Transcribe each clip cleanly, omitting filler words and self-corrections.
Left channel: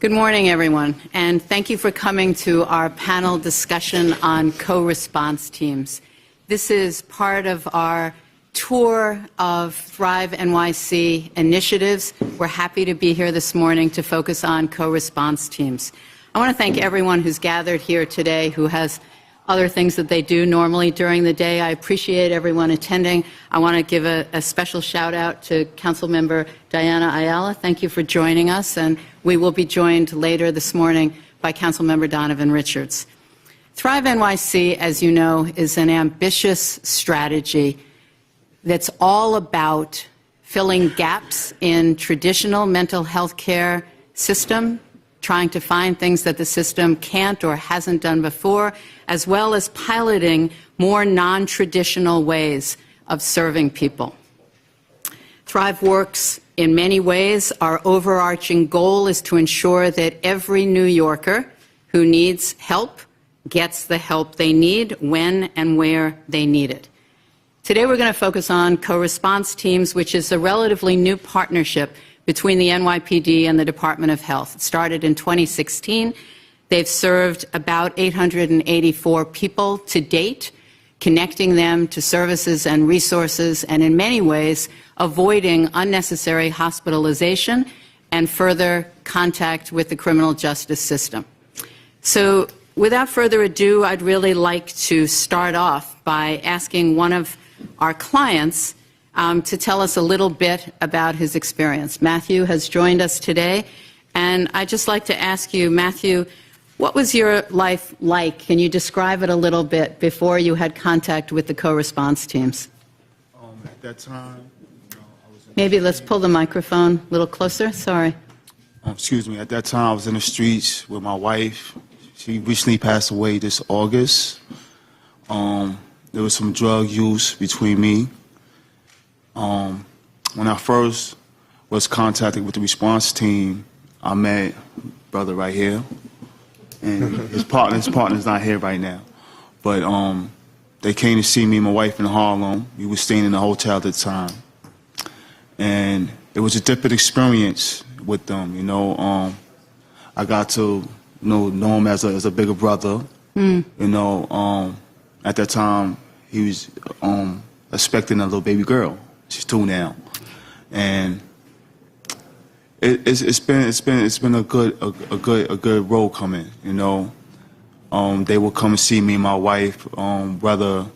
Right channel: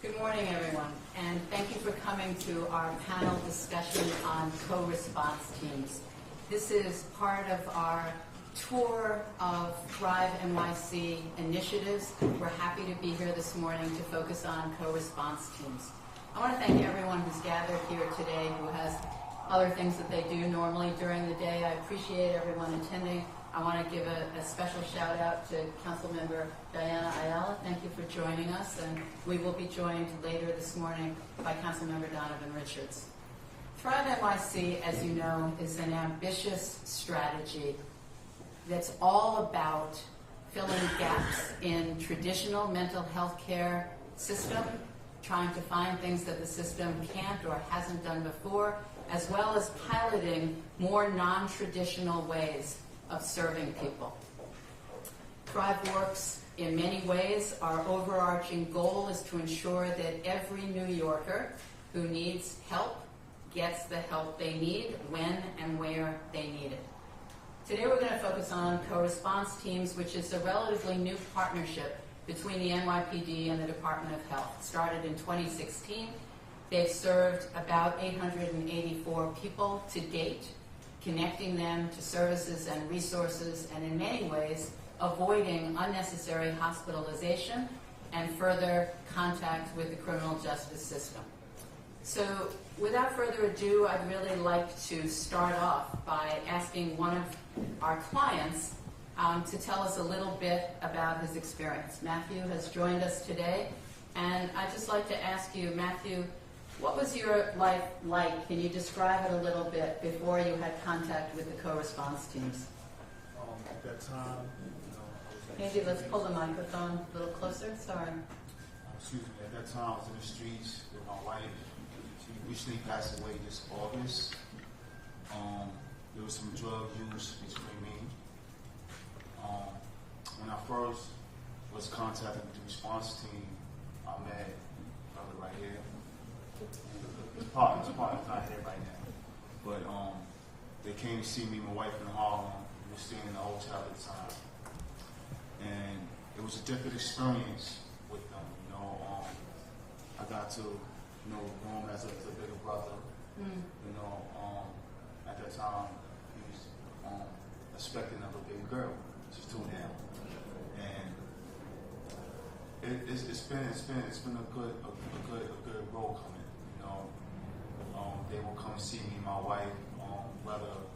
Good morning, everyone, and thank you for coming to our panel discussion on co-response teams. This is part of our tour of Thrive NYC initiatives. We're happy to be here this morning to focus on co-response teams. I want to thank everyone who's gathered here today who has other things that they do normally during the day. I appreciate everyone attending. I want to give a special shout out to Councilmember Diana Ayala. Thank you for joining us, and we will be joined later this morning by Councilmember Donovan Richards. Thrive NYC, as you know, is an ambitious strategy that's all about filling gaps in traditional mental health care system, trying to find things that the system can't or hasn't done before, as well as piloting more non-traditional ways of serving people. Thrive works in many ways. Our overarching goal is to ensure that every New Yorker who needs help gets the help they need when and where they need it. Today we're going to focus on co-response teams, which is a relatively new partnership between the NYPD and the Department of Health. It started in 2016. They've served about 884 people to date, connecting them to services and resources, and in many ways avoiding unnecessary hospitalization and further contact with the criminal justice system. So without further ado, I'd really like to start off by asking one of our clients to tell us a little bit about his experience. Matthew has joined us today, and I'd just like to ask you, Matthew, what was your life like? Can you describe it a little bit before you had contact with the co-response teams? At that time, Maybe let's pull the microphone a little closer. Sorry. excuse me. At that time, I was in the streets with my wife. She recently passed away this August. There was some drug use between me. When I first was contacted with the response team, I met brother right here, and his partner's not here right now. But they came to see me and my wife in Harlem. We were staying in a hotel at the time, and it was a different experience with them. You know, I got to know him as a bigger brother. You know, at that time he was expecting a little baby girl. She's 2 now, and it's been a good role coming. You know, they would come and see me and my wife, whether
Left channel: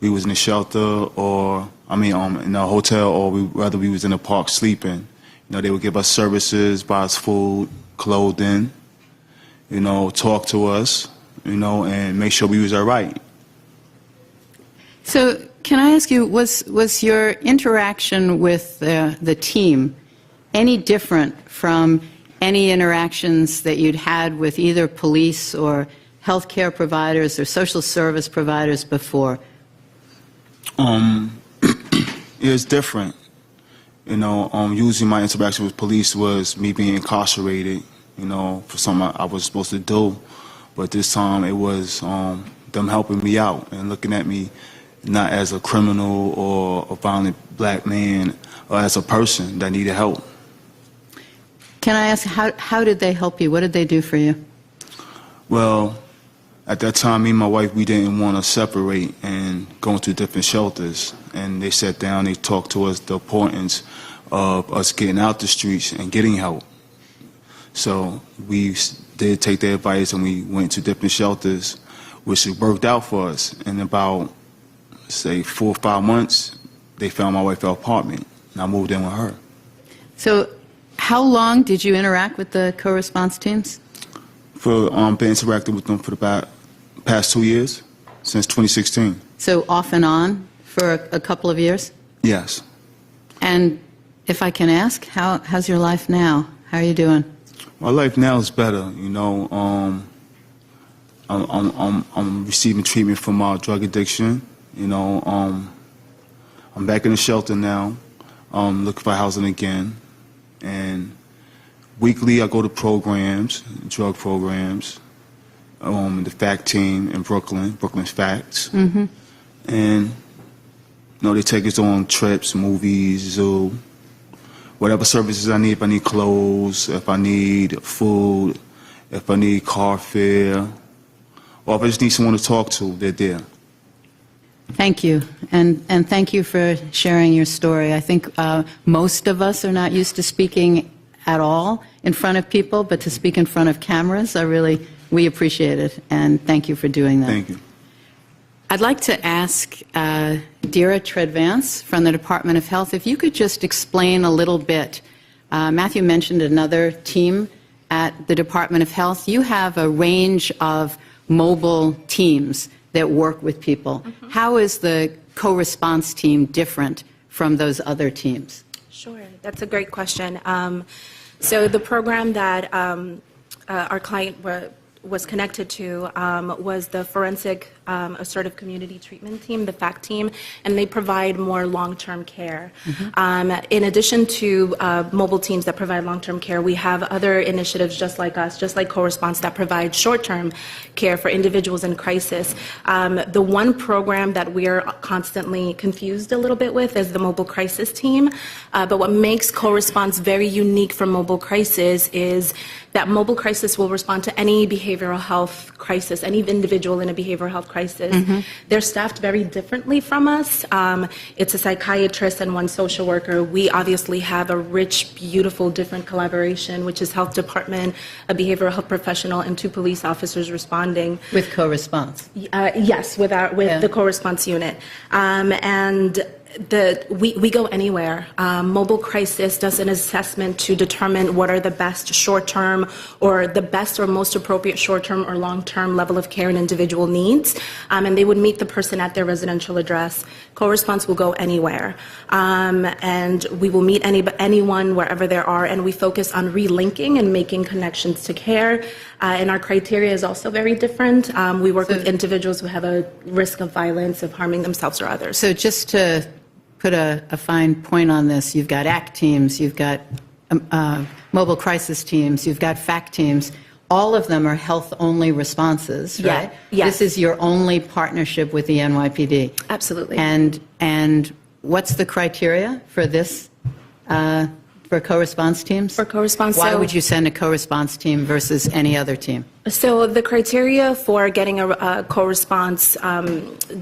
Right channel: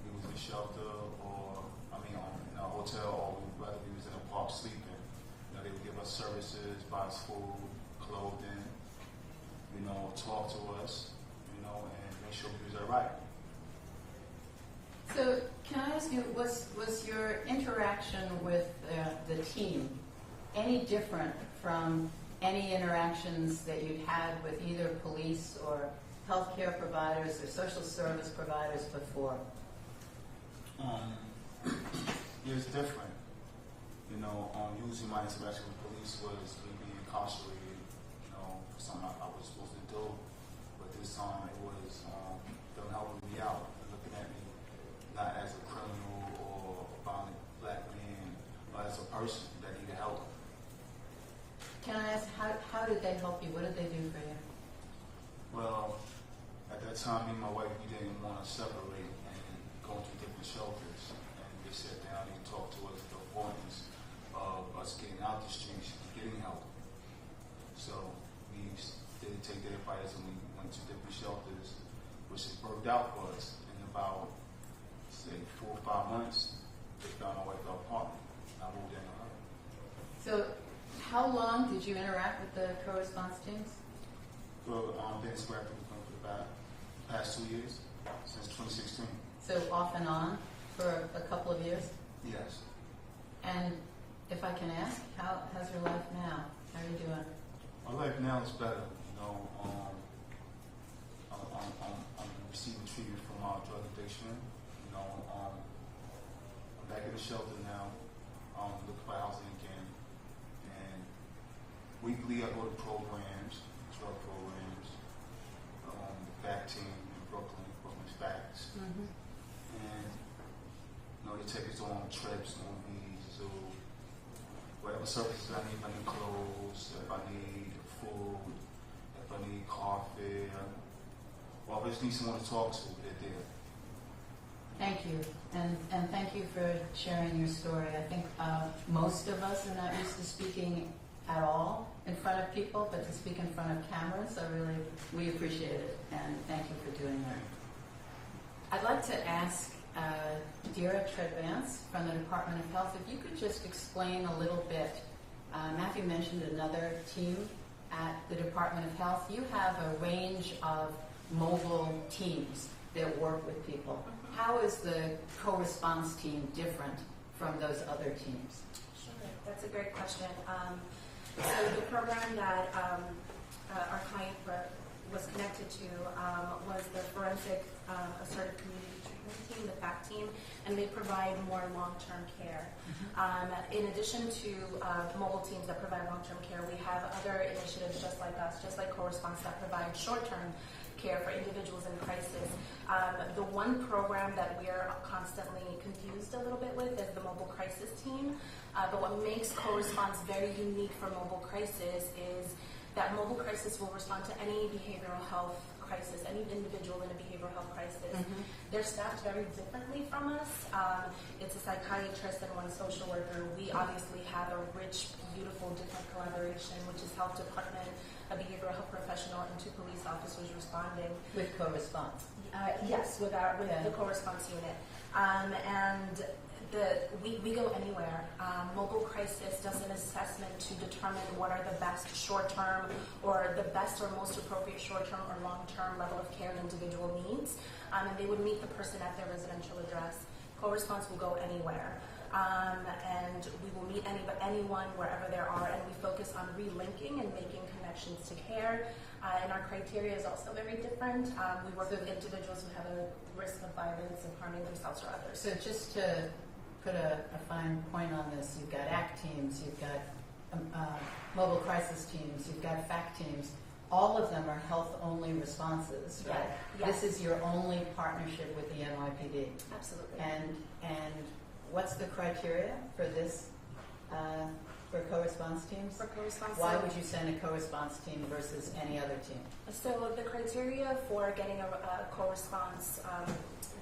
we was in the shelter or in a hotel, or whether we was in the park sleeping. You know, they would give us services, buy us food, clothing. You know, talk to us. You know, and make sure we was all right. So can I ask you, was your interaction with the team any different from any interactions that you'd had with either police or healthcare providers or social service providers before? It's different. You know, usually my interaction with police was me being incarcerated, you know, for something I was supposed to do. But this time it was them helping me out and looking at me not as a criminal or a violent black man, or as a person that needed help. Can I ask, how did they help you? What did they do for you? Well, at that time, me and my wife, we didn't want to separate and go into different shelters. And they sat down, they talked to us the importance of us getting out the streets and getting help. So we did take their advice and we went to different shelters, which worked out for us. In about, say, 4 or 5 months, they found my wife an apartment, and I moved in with her. So how long did you interact with the co-response teams? For been interacting with them for the past 2 years, since 2016. So off and on for a couple of years? Yes. And if I can ask, how's your life now? How are you doing? My life now is better. You know, I'm receiving treatment for my drug addiction. You know, I'm back in the shelter now, looking for housing again. And weekly I go to programs, drug programs, the FACT team in Brooklyn's FACTS. Mm-hmm. And, you know, they take us on trips, movies, zoo. whatever services I need, if I need clothes, if I need food, if I need car fare, or if I just need someone to talk to, they're there. Thank you, and thank you for sharing your story. I think most of us are not used to speaking at all in front of people, but to speak in front of cameras, we appreciate it, and thank you for doing that. Thank you. I'd like to ask Dira Treadvance from the Department of Health if you could just explain a little bit. Matthew mentioned another team at the Department of Health. You have a range of mobile teams that work with people. Mm-hmm. How is the co-response team different from those other teams? Sure, that's a great question. So the program that our client was connected to was the Forensic Assertive Community Treatment Team, the FACT team, and they provide more long-term care. Mm-hmm. In addition to mobile teams that provide long-term care, we have other initiatives just like us, just like co-response, that provide short-term care for individuals in crisis. The one program that we're constantly confused a little bit with is the mobile crisis team, but what makes co-response very unique from mobile crisis is that mobile crisis will respond to any behavioral health crisis, any individual in a behavioral health crisis. Mm-hmm. They're staffed very differently from us. It's a psychiatrist and one social worker. We obviously have a rich, beautiful, different collaboration, which is health department, a behavioral health professional, and 2 police officers responding. With co-response? Yes, with the co-response unit. And we go anywhere. Mobile crisis does an assessment to determine what are the best short-term or the best or most appropriate short-term or long-term level of care an individual needs, and they would meet the person at their residential address. Co-response will go anywhere, and we will meet anyone wherever there are, and we focus on relinking and making connections to care, and our criteria is also very different. We work with individuals who have a risk of violence, of harming themselves or others. So just to put a fine point on this, you've got ACT teams, you've got mobile crisis teams, you've got FACT teams. All of them are health-only responses, right? Yeah. Yes. This is your only partnership with the NYPD. Absolutely. And what's the criteria for this, for co-response teams? For co-response, why would you send a co-response team versus any other team? So the criteria for getting a co-response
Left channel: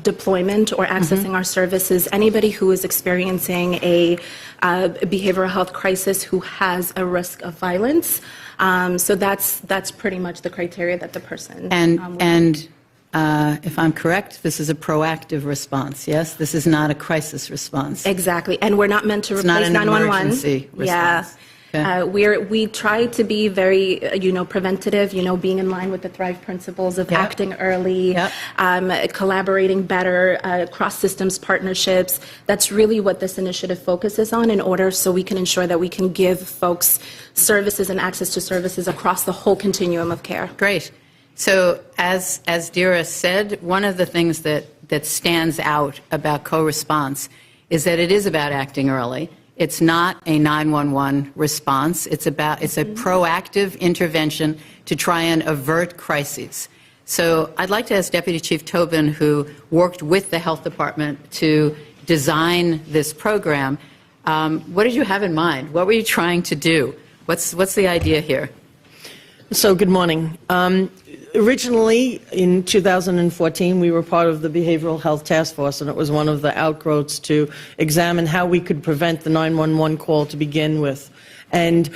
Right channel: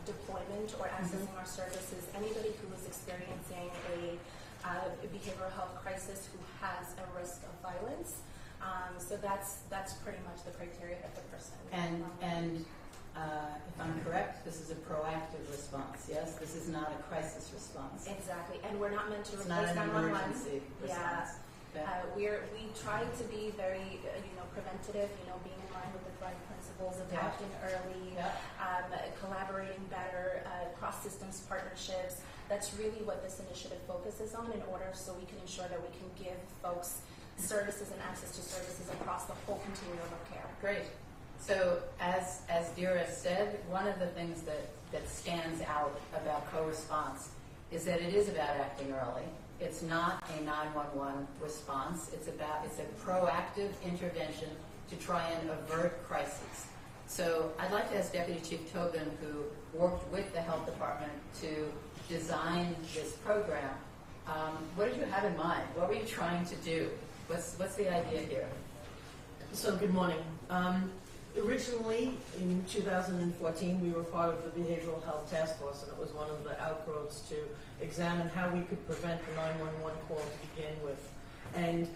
deployment or accessing our services, anybody who is experiencing a behavioral health crisis who has a risk of violence. So that's pretty much the criteria that the person. And if I'm correct, this is a proactive response. Yes, this is not a crisis response. Exactly, and we're not meant to replace 911. It's not an emergency response. Yeah. Okay. We try to be very, preventative, being in line with the Thrive principles of acting early, collaborating better, cross-systems partnerships. That's really what this initiative focuses on in order so we can ensure that we can give folks services and access to services across the whole continuum of care. Great. So as Dira said, one of the things that stands out about co-response is that it is about acting early. It's not a 911 response. It's a proactive intervention to try and avert crises. So I'd like to ask Deputy Chief Tobin, who worked with the Health Department to design this program, what did you have in mind? What were you trying to do? What's the idea here? So good morning. Originally, in 2014, we were part of the Behavioral Health Task Force, and it was one of the outgrowths to examine how we could prevent the 911 call to begin with. And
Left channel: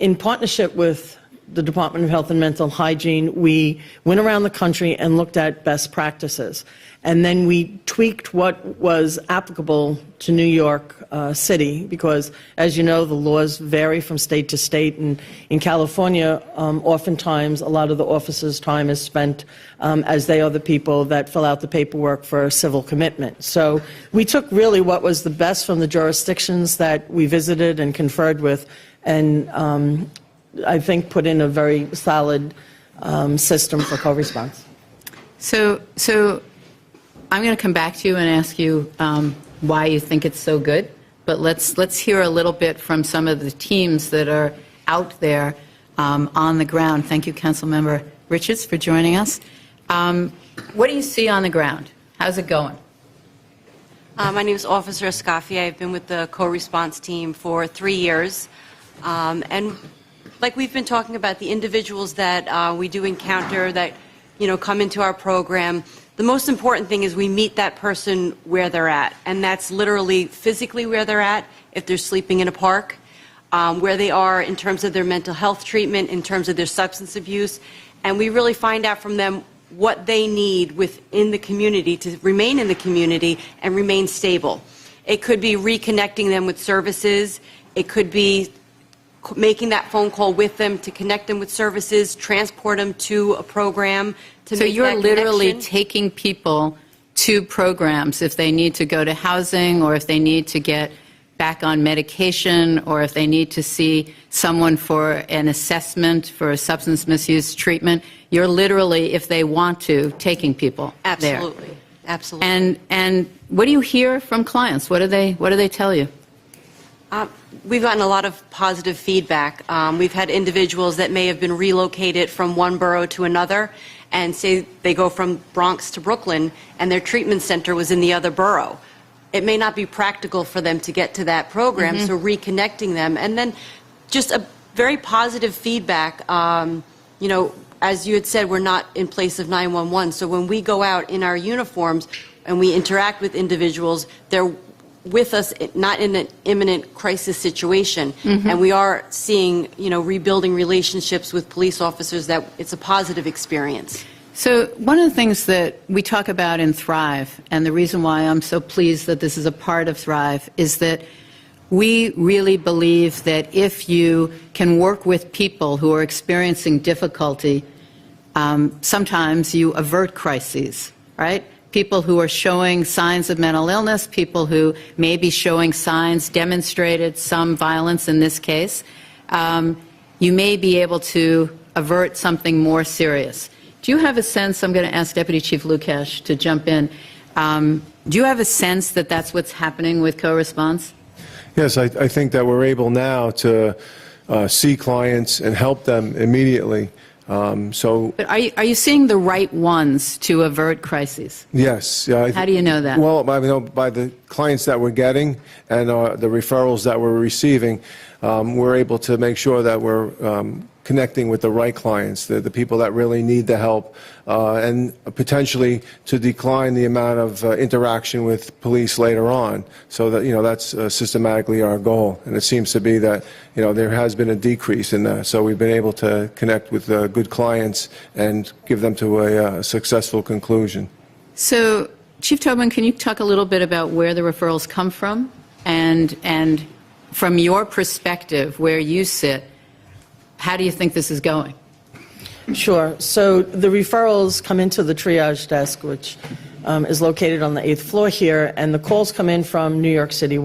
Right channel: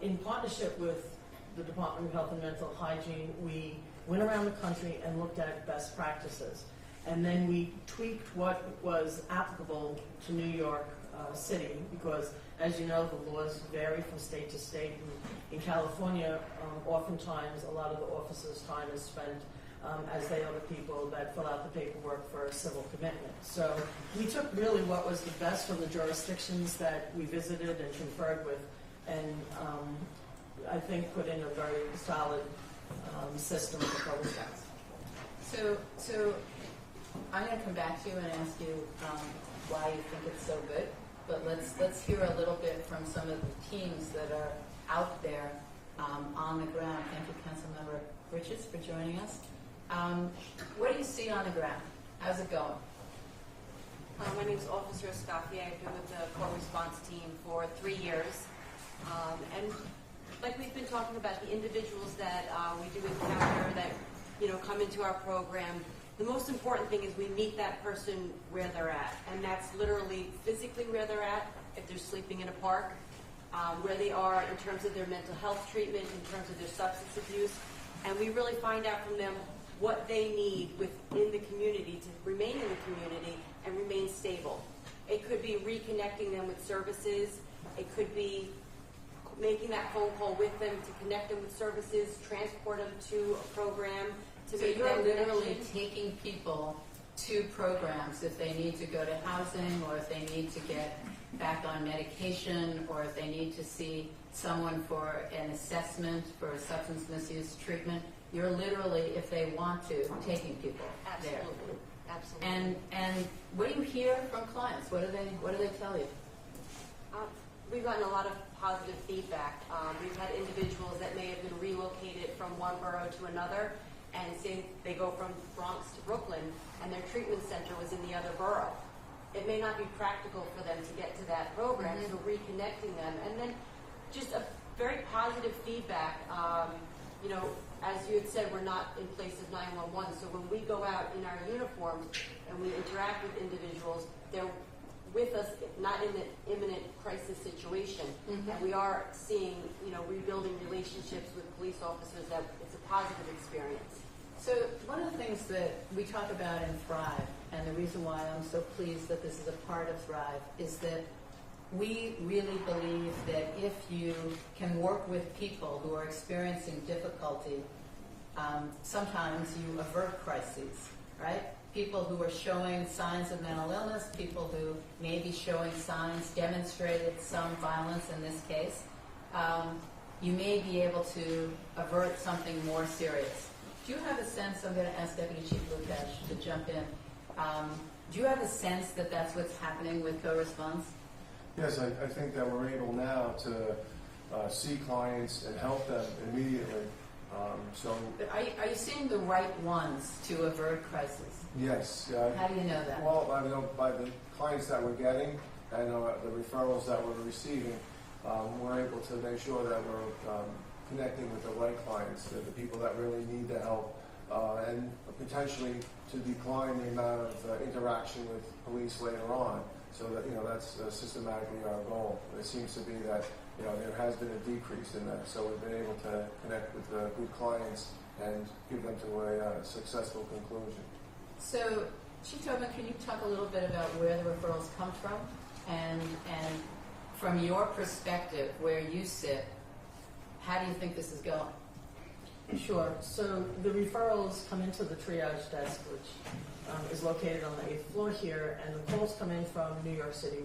in partnership with the Department of Health and Mental Hygiene, we went around the country and looked at best practices. And then we tweaked what was applicable to New York City, because, as you know, the laws vary from state to state. And in California, oftentimes, a lot of the officers' time is spent as they are the people that fill out the paperwork for civil commitment. So we took really what was the best from the jurisdictions that we visited and conferred with, and I think put in a very solid system for co-response. So I'm going to come back to you and ask you why you think it's so good, but let's hear a little bit from some of the teams that are out there on the ground. Thank you, Councilmember Richards, for joining us. What do you see on the ground? How's it going? My name is Officer Escafia. I've been with the co-response team for 3 years. And like we've been talking about, the individuals that we do encounter that, come into our program, the most important thing is we meet that person where they're at. And that's literally physically where they're at, if they're sleeping in a park, where they are in terms of their mental health treatment, in terms of their substance abuse. And we really find out from them what they need within the community to remain in the community and remain stable. It could be reconnecting them with services. It could be making that phone call with them to connect them with services, transport them to a program to So make you're that literally connection. taking people to programs if they need to go to housing, or if they need to get back on medication, or if they need to see someone for an assessment for a substance misuse treatment. You're literally, if they want to, taking people there. Absolutely. Absolutely. And what do you hear from clients? What do they tell you? We've gotten a lot of positive feedback. We've had individuals that may have been relocated from one borough to another, and say they go from Bronx to Brooklyn, and their treatment center was in the other borough. It may not be practical for them to get to that program, so reconnecting them. And then just a very positive feedback. As you had said, we're not in place of 911, so when we go out in our uniforms and we interact with individuals, they're with us, not in an imminent crisis situation, and we are seeing, rebuilding relationships with police officers, that it's a positive experience. So one of the things that we talk about in Thrive, and the reason why I'm so pleased that this is a part of Thrive, is that we really believe that if you can work with people who are experiencing difficulty, sometimes you avert crises, right? People who are showing signs of mental illness, people who may be showing signs, demonstrated some violence in this case, you may be able to avert something more serious. Do you have a sense, I'm going to ask Deputy Chief Lukash to jump in, do you have a sense that that's what's happening with co-response? Yes, I think that we're able now to see clients and help them immediately. But are you seeing the right ones to avert crises? Yes. How do you know that? Well, by the clients that we're getting and the referrals that we're receiving, we're able to make sure that we're connecting with the right clients, the people that really need the help, and potentially to decline the amount of interaction with police later on. So that, that's systematically our goal. And it seems to be that, there has been a decrease in that. So we've been able to connect with good clients and give them to a successful conclusion. So, Chief Tobin, can you talk a little bit about where the referrals come from? And from your perspective, where you sit, how do you think this is going? Sure. So the referrals come into the triage desk, which is located on the 8th floor here, and the calls come in from New York City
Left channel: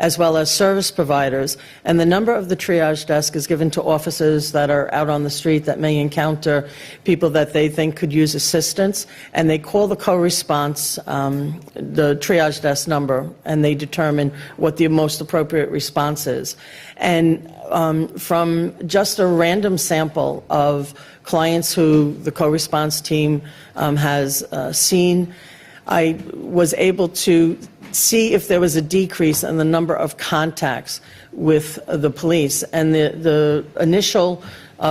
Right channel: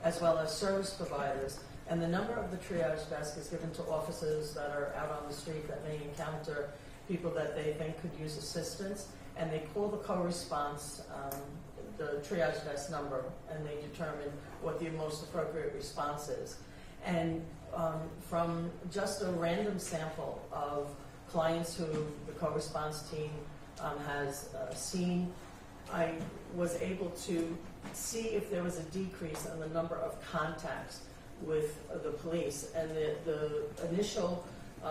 as well as service providers. And the number of the triage desk is given to officers that are out on the street that may encounter people that they think could use assistance, and they call the co-response, the triage desk number, and they determine what the most appropriate response is. And from just a random sample of clients who the co-response team has seen, I was able to see if there was a decrease in the number of contacts with the police. And the initial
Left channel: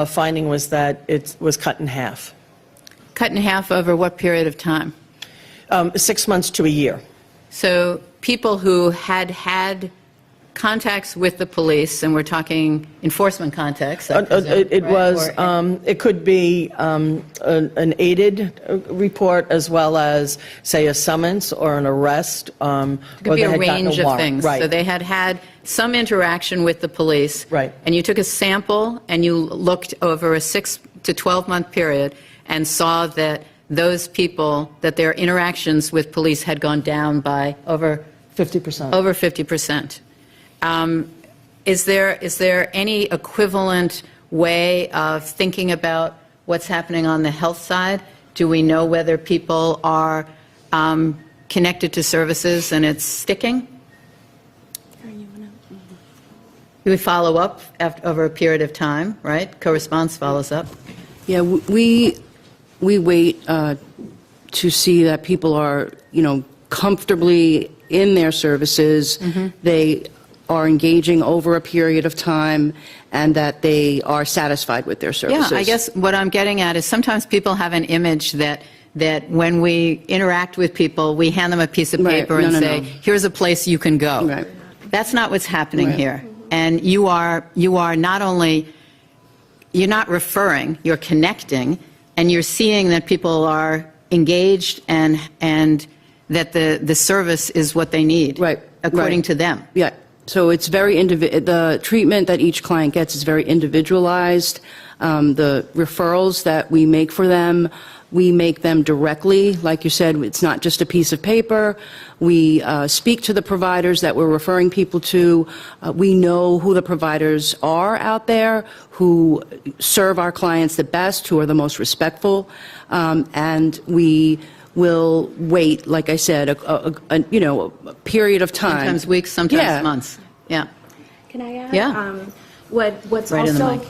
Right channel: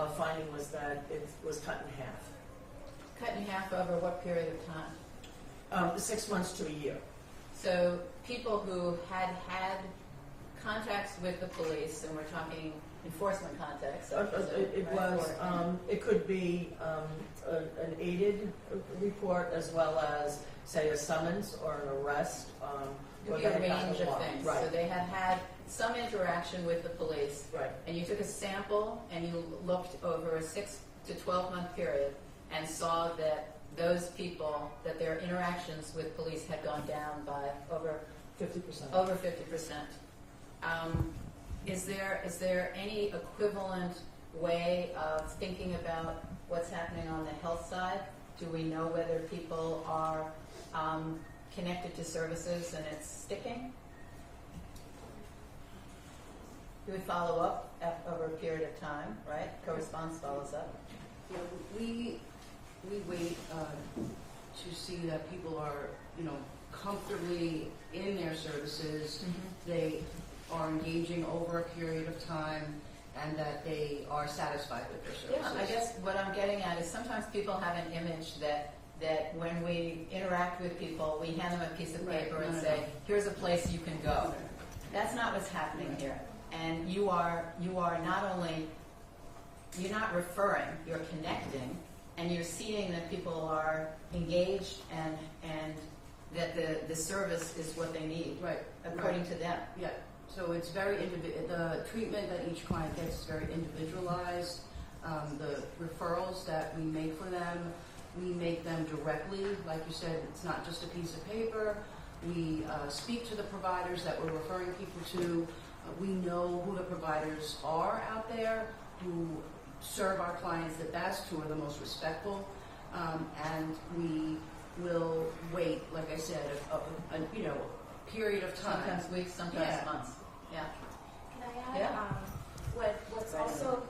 finding was that it was cut in half. Cut in half over what period of time? 6 months to a year. So people who had contacts with the police, and we're talking enforcement contacts. It could be an aided report as well as, say, a summons or an arrest. It could be a range of things. Right. So they had some interaction with the police. Right. And you took a sample and you looked over a 6 to 12-month period and saw that those people, that their interactions with police had gone down by over 50%. Over 50%. Is there any equivalent way of thinking about what's happening on the health side? Do we know whether people are connected to services and it's sticking? Do we follow up over a period of time, right? Co-response follows up. Yeah, we wait to see that people are, comfortably in their services, they are engaging over a period of time, and that they are satisfied with their services. Yeah, I guess what I'm getting at is sometimes people have an image that when we interact with people, we hand them a piece of Right. paper No, and no, say, no. here's a place you can go. Right. That's not what's happening Right. here. And you are not only, you're not referring, you're connecting, and you're seeing that people are engaged and that the service is what they need. Right. According Right. to them. Yeah, so it's very, the treatment that each client gets is very individualized. The referrals that we make for them, we make them directly. Like you said, it's not just a piece of paper. We speak to the providers that we're referring people to. We know who the providers are out there, who serve our clients the best, who are the most respectful, and we will wait, like I said, a period of time. Sometimes weeks, sometimes Yeah. months. Yeah. Can I add? Yeah. What's Right in the also mic.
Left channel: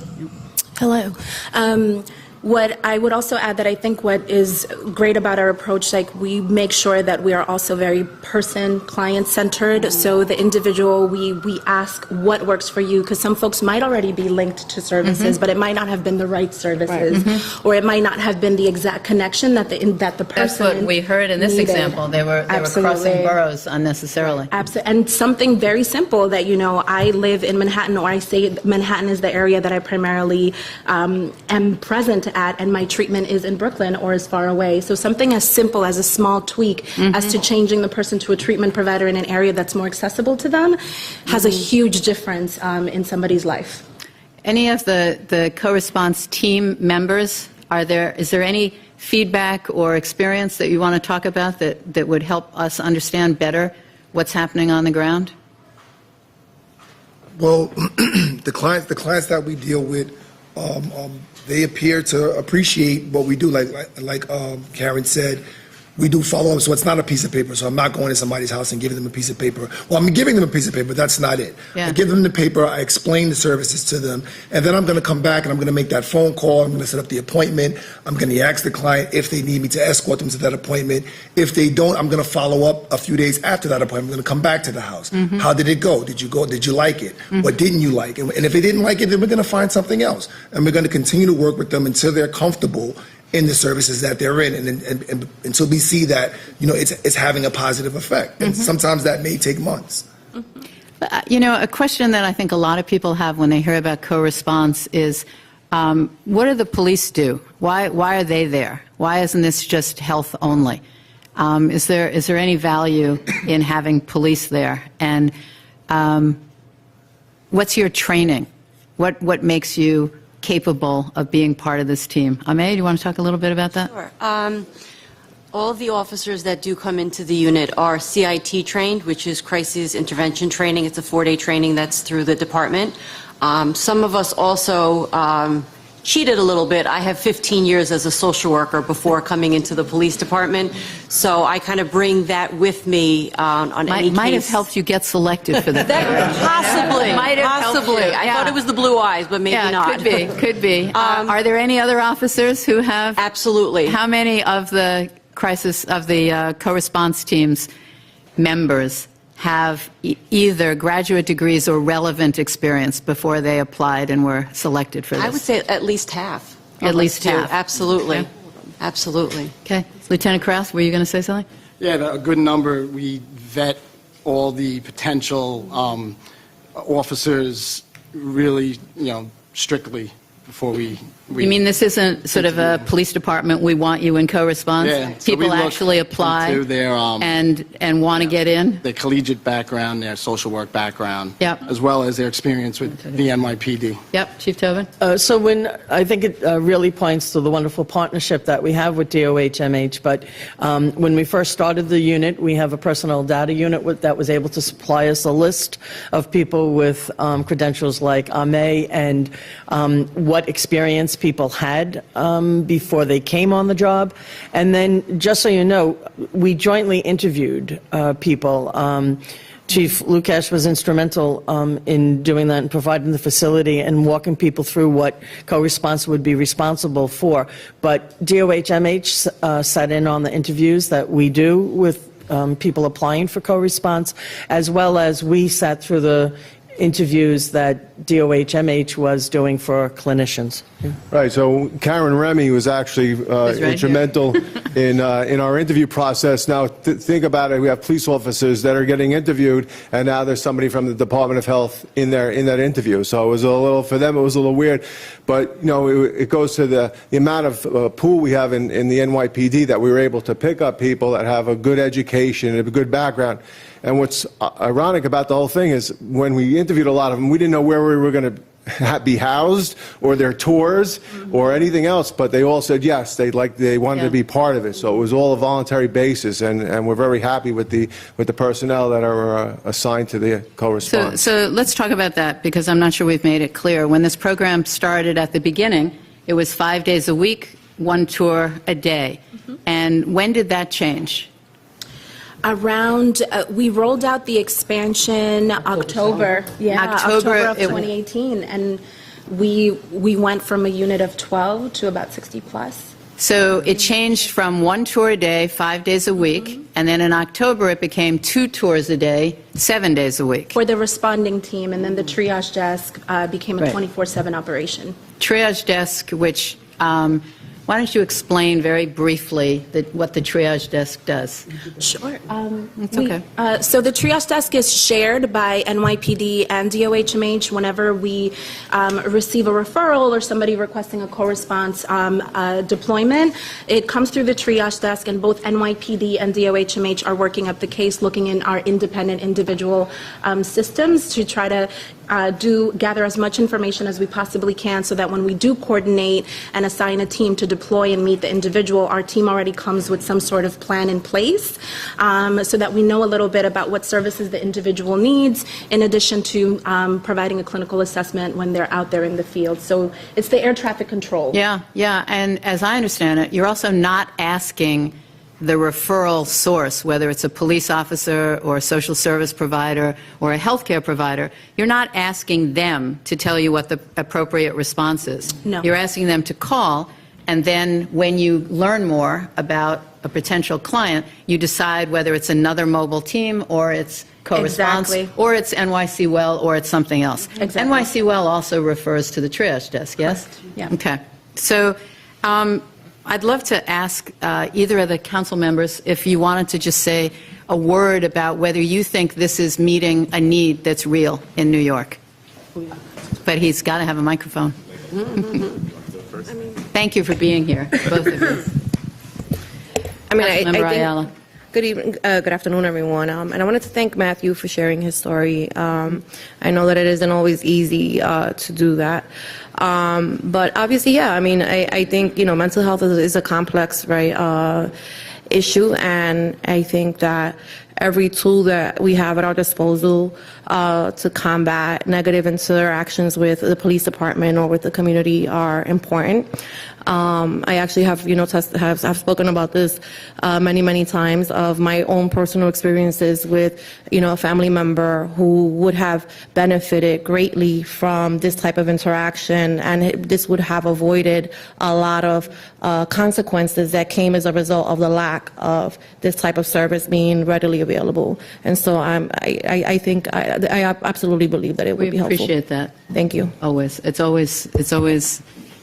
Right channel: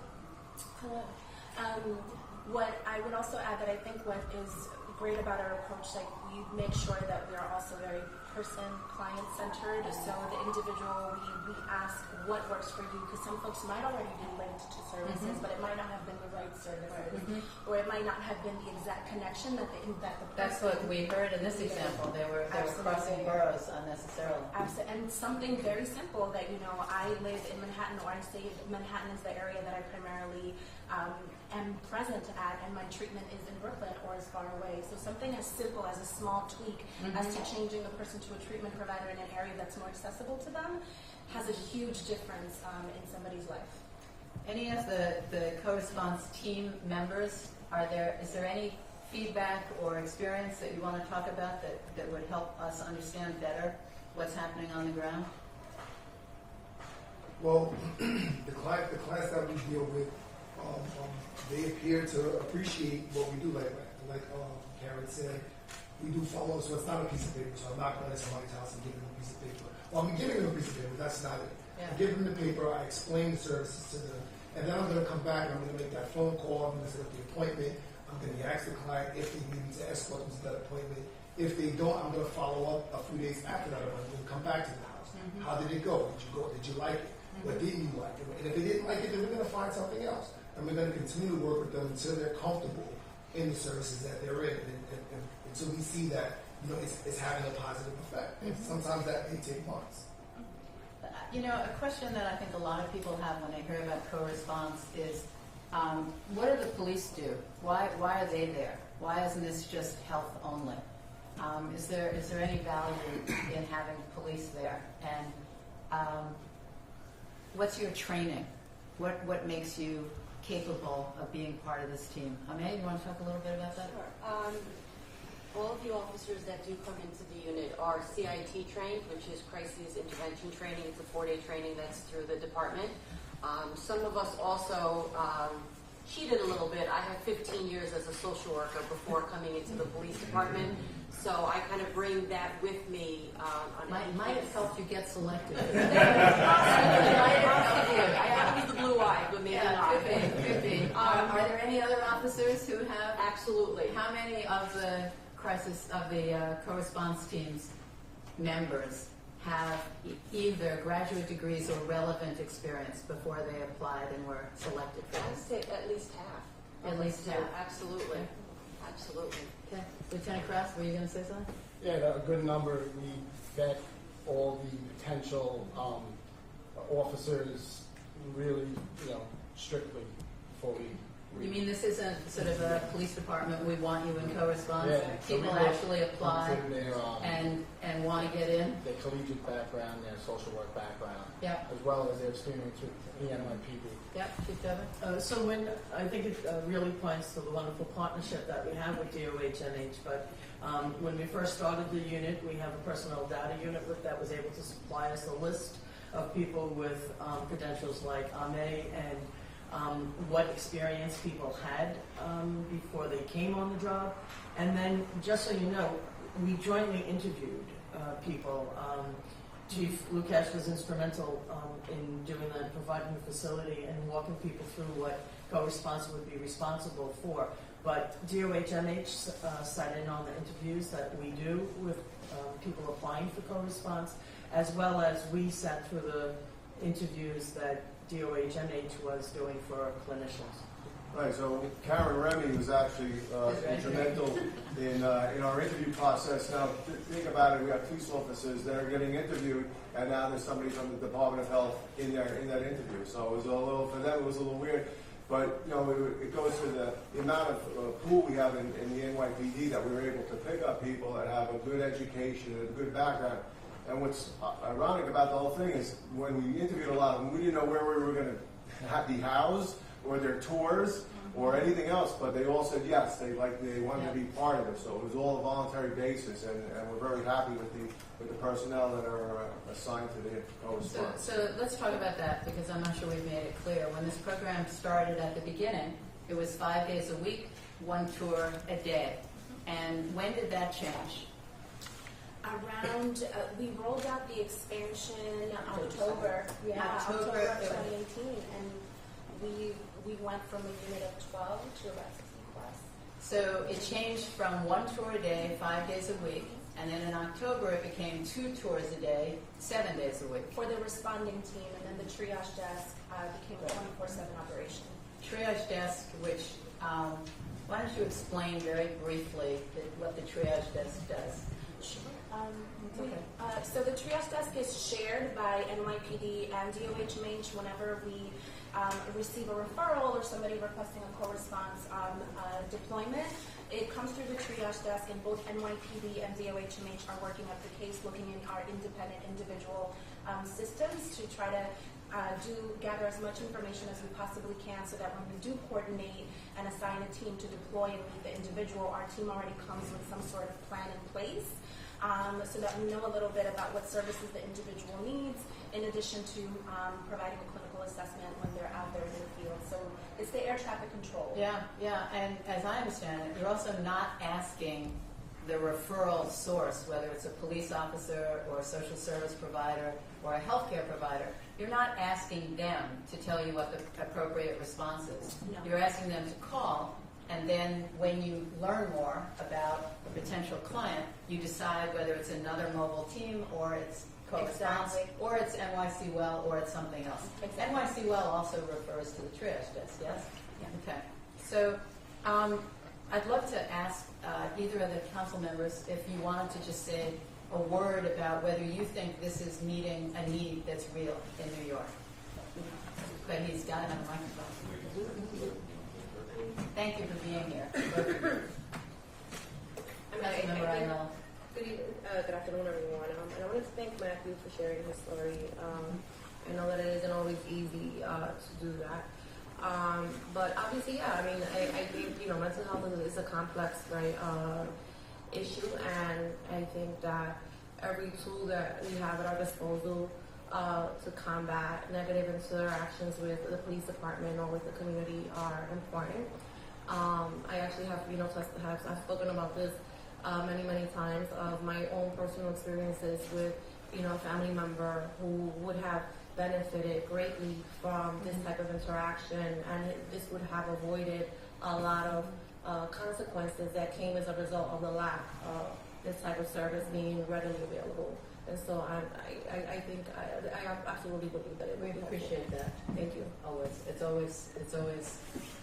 Hello. What I would also add that I think what is great about our approach, like we make sure that we are also very client-centered. So the individual, we ask what works for you, because some folks might already be linked to services, but it might not have been the right services, or it might not have been the exact connection that the person That's what we heard in this needed. example. They were crossing Absolutely. boroughs unnecessarily. Absolutely. And something very simple that, I live in Manhattan, or I say Manhattan is the area that I primarily am present at, and my treatment is in Brooklyn or is far away. So something as simple as a small tweak as to changing the person to a treatment provider in an area that's more accessible to them has a huge difference in somebody's life. Any of the co-response team members, is there any feedback or experience that you want to talk about that would help us understand better what's happening on the ground? Well, the clients that we deal with, they appear to appreciate what we do. Like Karen said, we do follow up, so it's not a piece of paper. So I'm not going to somebody's house and giving them a piece of paper. Well, I'm giving them a piece of paper, that's not it. Yeah. I give them the paper, I explain the services to them, and then I'm going to come back and I'm going to make that phone call. I'm going to set up the appointment. I'm going to ask the client if they need me to escort them to that appointment. If they don't, I'm going to follow up a few days after that appointment. I'm going to come back to the house. How did it go? Did you go? Did you like it? What didn't you like? And if they didn't like it, then we're going to find something else. And we're going to continue to work with them until they're comfortable in the services that they're in, and until we see that it's having a positive effect. And sometimes that may take months. A question that I think a lot of people have when they hear about co-response is, what do the police do? Why are they there? Why isn't this just health only? Is there any value in having police there? And what's your training? What makes you capable of being part of this team? Amay, do you want to talk a little bit about that? Sure. All of the officers that do come into the unit are CIT trained, which is Crisis Intervention Training. It's a 4-day training that's through the department. Some of us also cheated a little bit. I have 15 years as a social worker before coming into the police department, so I kind of bring that with me on any case. Might have helped you get selected for that. Possibly. Might have helped Possibly. you, I yeah. thought it was the blue eyes, but maybe Yeah, not. could be. Are there any other officers who have? Absolutely. How many of the co-response teams members have either graduate degrees or relevant experience before they applied and were selected for this? I would say at least half. At least half. Absolutely. Okay. Absolutely. Okay. Lieutenant Krause, were you going to say something? Yeah, a good number. We vet all the potential officers really, strictly before we You mean this isn't sort of a police department, we want you in co-response? Yeah, so we People look actually apply into their, and want to get in? their collegiate background, their social work background, Yep. as well as their experience with the NYPD. Yep, Chief Tobin? So I think it really points to the wonderful partnership that we have with DOH-MH, but when we first started the unit, we have a personnel data unit that was able to supply us a list of people with credentials like Amay and what experience people had before they came on the job. And then, just so you know, we jointly interviewed people. Chief Lukash was instrumental in doing that and providing the facility and walking people through what co-response would be responsible for. But DOH-MH sat in on the interviews that we do with people applying for co-response, as well as we sat through the interviews that DOH-MH was doing for clinicians. Right, so Karen Remy was actually right instrumental in our interview process. Now, think about it, we have police officers that are getting interviewed, and now there's somebody from the Department of Health in there in that interview. So it was a little, for them, it was a little weird. But, you know, it goes to the amount of pool we have in the NYPD that we were able to pick up people that have a good education and a good background. And what's ironic about the whole thing is when we interviewed a lot of them, we didn't know where we were going to be housed or their tours or anything else, but they all said yes, they wanted to be part of it. So it was all a voluntary basis, and we're very happy with the personnel that are assigned to the co-response. So let's talk about that, because I'm not sure we've made it clear. When this program started at the beginning, it was 5 days a week, 1 tour a day. And when did that change? Around, we rolled out the expansion October of 2018, and we went from a unit of 12 to about 60 plus. So it changed from 1 tour a day, 5 days a week, and then in October it became 2 tours a day, 7 days a week. For the responding team, and then the triage desk became a 24/7 operation. Triage desk, which, why don't you explain very briefly what the triage desk does? Sure. It's okay. So the triage desk is shared by NYPD and DOH-MH whenever we receive a referral or somebody requesting a co-response deployment. It comes through the triage desk, and both NYPD and DOH-MH are working up the case, looking in our independent individual systems to try to gather as much information as we possibly can, so that when we do coordinate and assign a team to deploy and meet the individual, our team already comes with some sort of plan in place, so that we know a little bit about what services the individual needs, in addition to providing a clinical assessment when they're out there in the field. So it's the air traffic control. Yeah, and as I understand it, you're also not asking the referral source, whether it's a police officer or a social service provider or a healthcare provider, you're not asking them to tell you what the appropriate response is. No. You're asking them to call, and then when you learn more about a potential client, you decide whether it's another mobile team or it's co-response, Exactly. or it's NYC Well, or it's something else. Exactly. NYC Well also refers to the triage desk, yes? Yeah. Okay. So I'd love to ask either of the council members if you wanted to just say a word about whether you think this is meeting a need that's real in New York. But he's got to have a microphone. Thank you for being here, both of you. Councilmember Ayala. Good evening, good afternoon, everyone. And I wanted to thank Matthew for sharing his story. I know that it isn't always easy to do that. But obviously, yeah, I mean, I think, you know, mental health is a complex, right, issue. And I think that every tool that we have at our disposal to combat negative interactions with the police department or with the community are important. I actually have, you know, have spoken about this many times of my own personal experiences with, you know, a family member who would have benefited greatly from this type of interaction, and this would have avoided a lot of consequences that came as a result of the lack of this type of service being readily available. And so I think I absolutely believe that it would be helpful. We appreciate that. Thank you. Always. It's always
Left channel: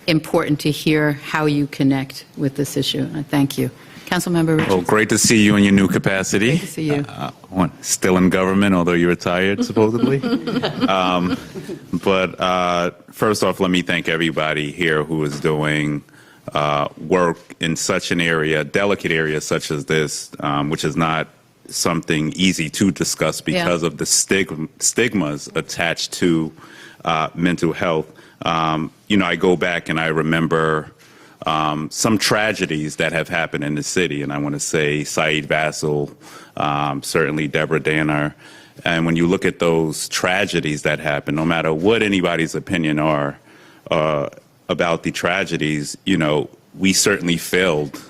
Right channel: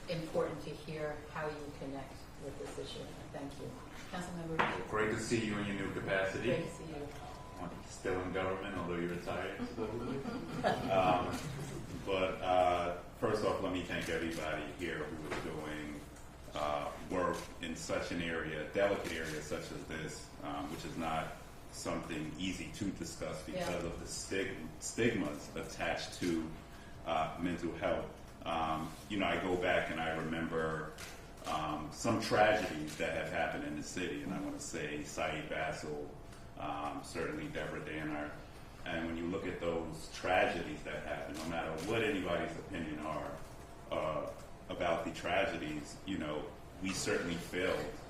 important to hear how you connect with this issue. Thank you. Councilmember Richards. Well, great to see you in your new capacity. Great to see you. Still in government, although you're retired, supposedly. But first off, let me thank everybody here who is doing work in such an area, delicate area such as this, which is not something easy to discuss because of the stigmas attached to mental health. You know, I go back and I remember some tragedies that have happened in the city, and I want to say Saeed Vassell, certainly Deborah Danner. And when you look at those tragedies that happen, no matter what anybody's opinion are about the tragedies, you know, we certainly failed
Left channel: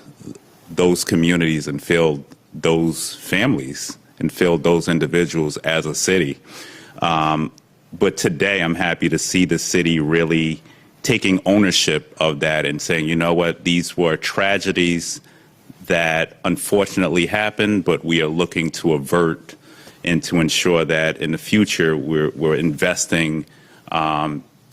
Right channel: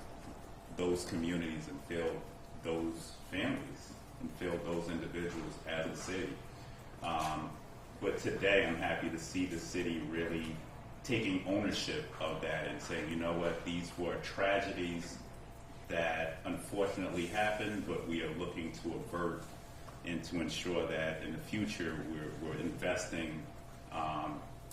those communities and failed those families and failed those individuals as a city. But today I'm happy to see the city really taking ownership of that and saying, you know what, these were tragedies that unfortunately happened, but we are looking to avert and to ensure that in the future we're investing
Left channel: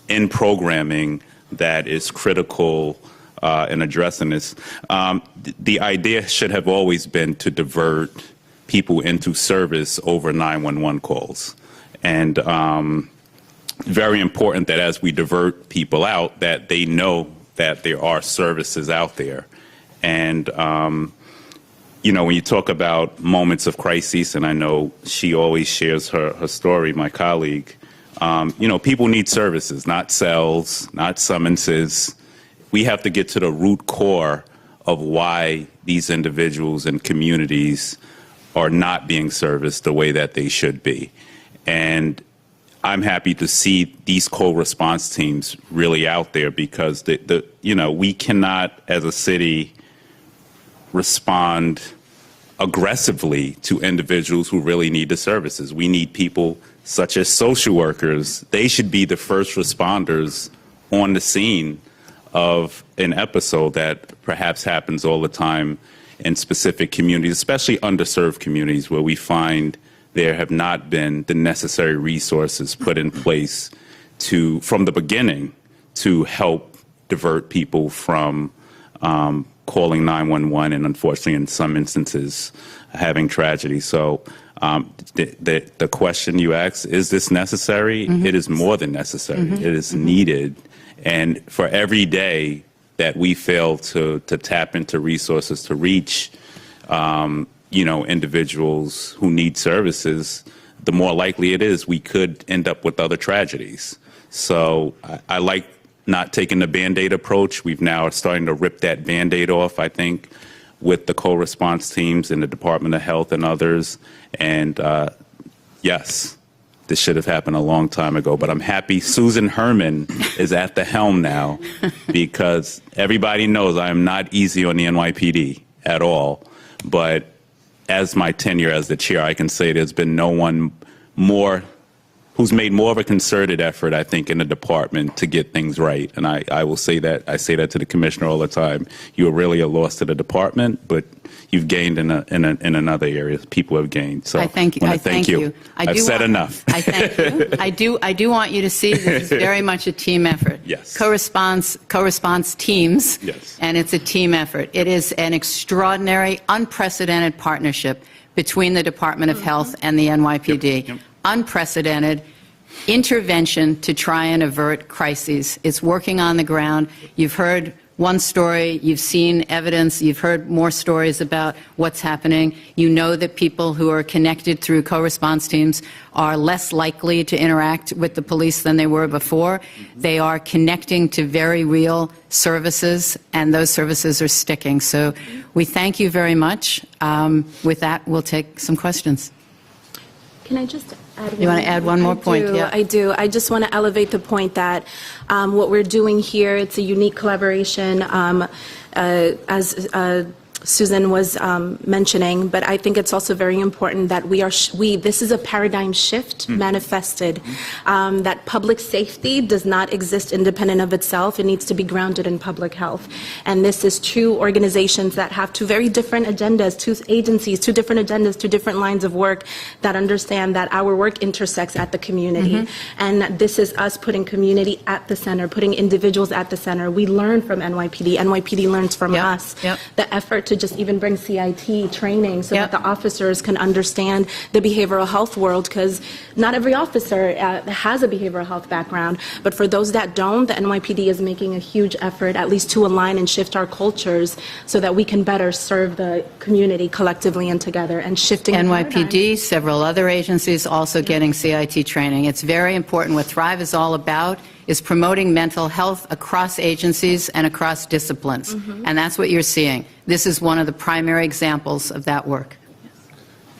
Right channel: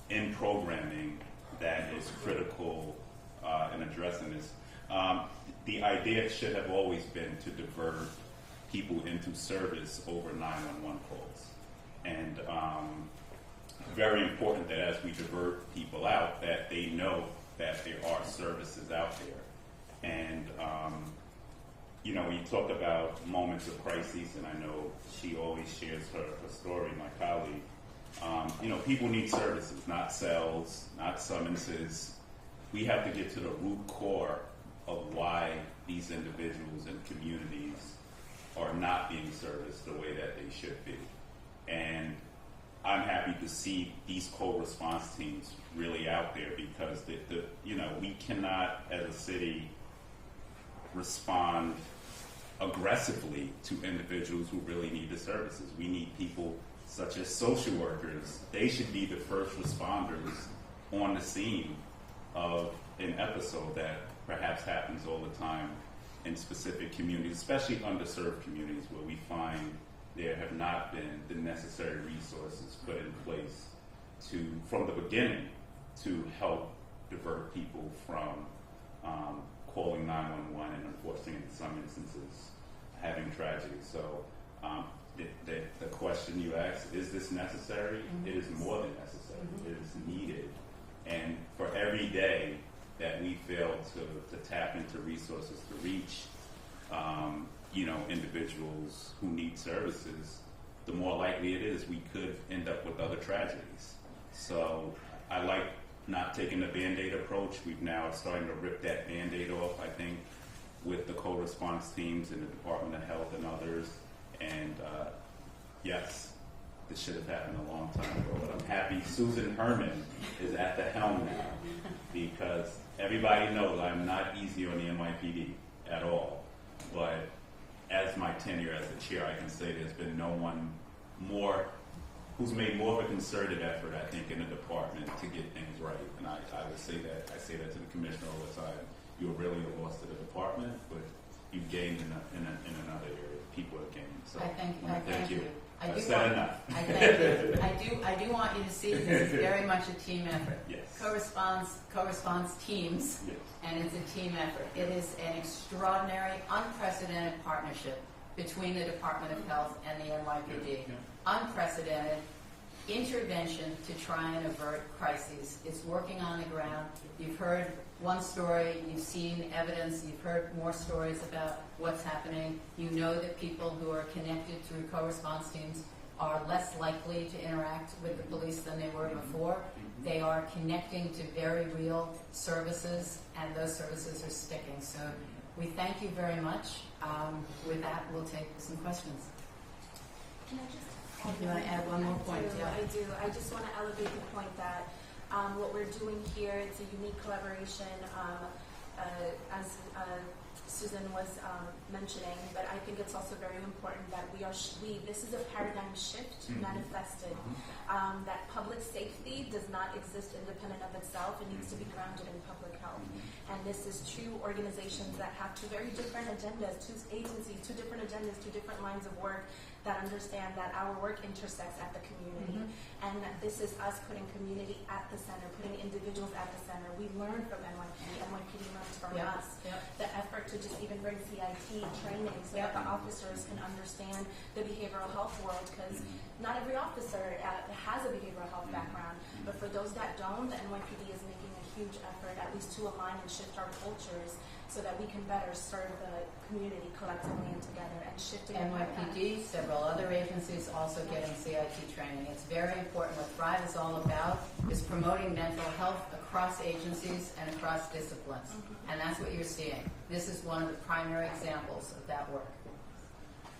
in programming that is critical in addressing this. The idea should have always been to divert people into service over 911 calls. And very important that as we divert people out, that they know that there are services out there. And, you know, when you talk about moments of crisis, and I know she always shares her story, my colleague, you know, people need services, not cells, not summonses. We have to get to the root core of why these individuals and communities are not being serviced the way that they should be. And I'm happy to see these co-response teams really out there, because you know, we cannot as a city respond aggressively to individuals who really need the services. We need people such as social workers. They should be the first responders on the scene of an episode that perhaps happens all the time in specific communities, especially underserved communities, where we find there have not been the necessary resources put in place from the beginning to help divert people from calling 911 and, unfortunately, in some instances, having tragedy. So the question you asked, is this necessary? Mm-hmm. It is more than necessary. Mm-hmm. It is needed. And for every day that we fail to tap into resources to reach you know, individuals who need services, the more likely it is we could end up with other tragedies. So I like not taking the Band-Aid approach. We've now starting to rip that Band-Aid off, I think, with the co-response teams in the Department of Health and others. And yes, this should have happened a long time ago, but I'm happy Susan Herman is at the helm now, because everybody knows I am not easy on the NYPD at all. But as my tenure as the chair, I can say there's been no one who's made more of a concerted effort, I think, in the department to get things right. And I will say that, I say that to the commissioner all the time. You are really a loss to the department, but you've gained in another area. People have gained. So I thank you. I thank you. I've said enough. I thank you. I do want you to see this is very much a team effort. Yes. Co-response teams. Yes. And it's a team effort. It is an extraordinary, unprecedented partnership between the Department of Health and the NYPD. Yep. Unprecedented intervention to try and avert crises. It's working on the ground. You've heard one story, you've seen evidence, you've heard more stories about what's happening. You know that people who are connected through co-response teams are less likely to interact with the police than they were before. They are connecting to very real services, and those services are sticking. So we thank you very much. With that, we'll take some questions. Can I just add one? You want to add one more point? Yeah. I do. I just want to elevate the point that what we're doing here, it's a unique collaboration, as Susan was mentioning, but I think it's also very important that this is a paradigm shift manifested, that public safety does not exist independent of itself. It needs to be grounded in public health. And this is two organizations that have two very different agendas, two agencies, two different agendas, two different lines of work that understand that our work intersects at the community. And this is us putting community at the center, putting individuals at the center. We learn from NYPD. NYPD learns from us. The effort to just even bring CIT training so that the officers can understand the behavioral health world, because not every officer has a behavioral health background, but for those that don't, the NYPD is making a huge effort at least to align and shift our cultures so that we can better serve the community collectively and together, and shifting NYPD, several other agencies also getting CIT training. It's very important. What Thrive is all about is promoting mental health across agencies and across disciplines. And that's what you're seeing. This is one of the primary examples of that work.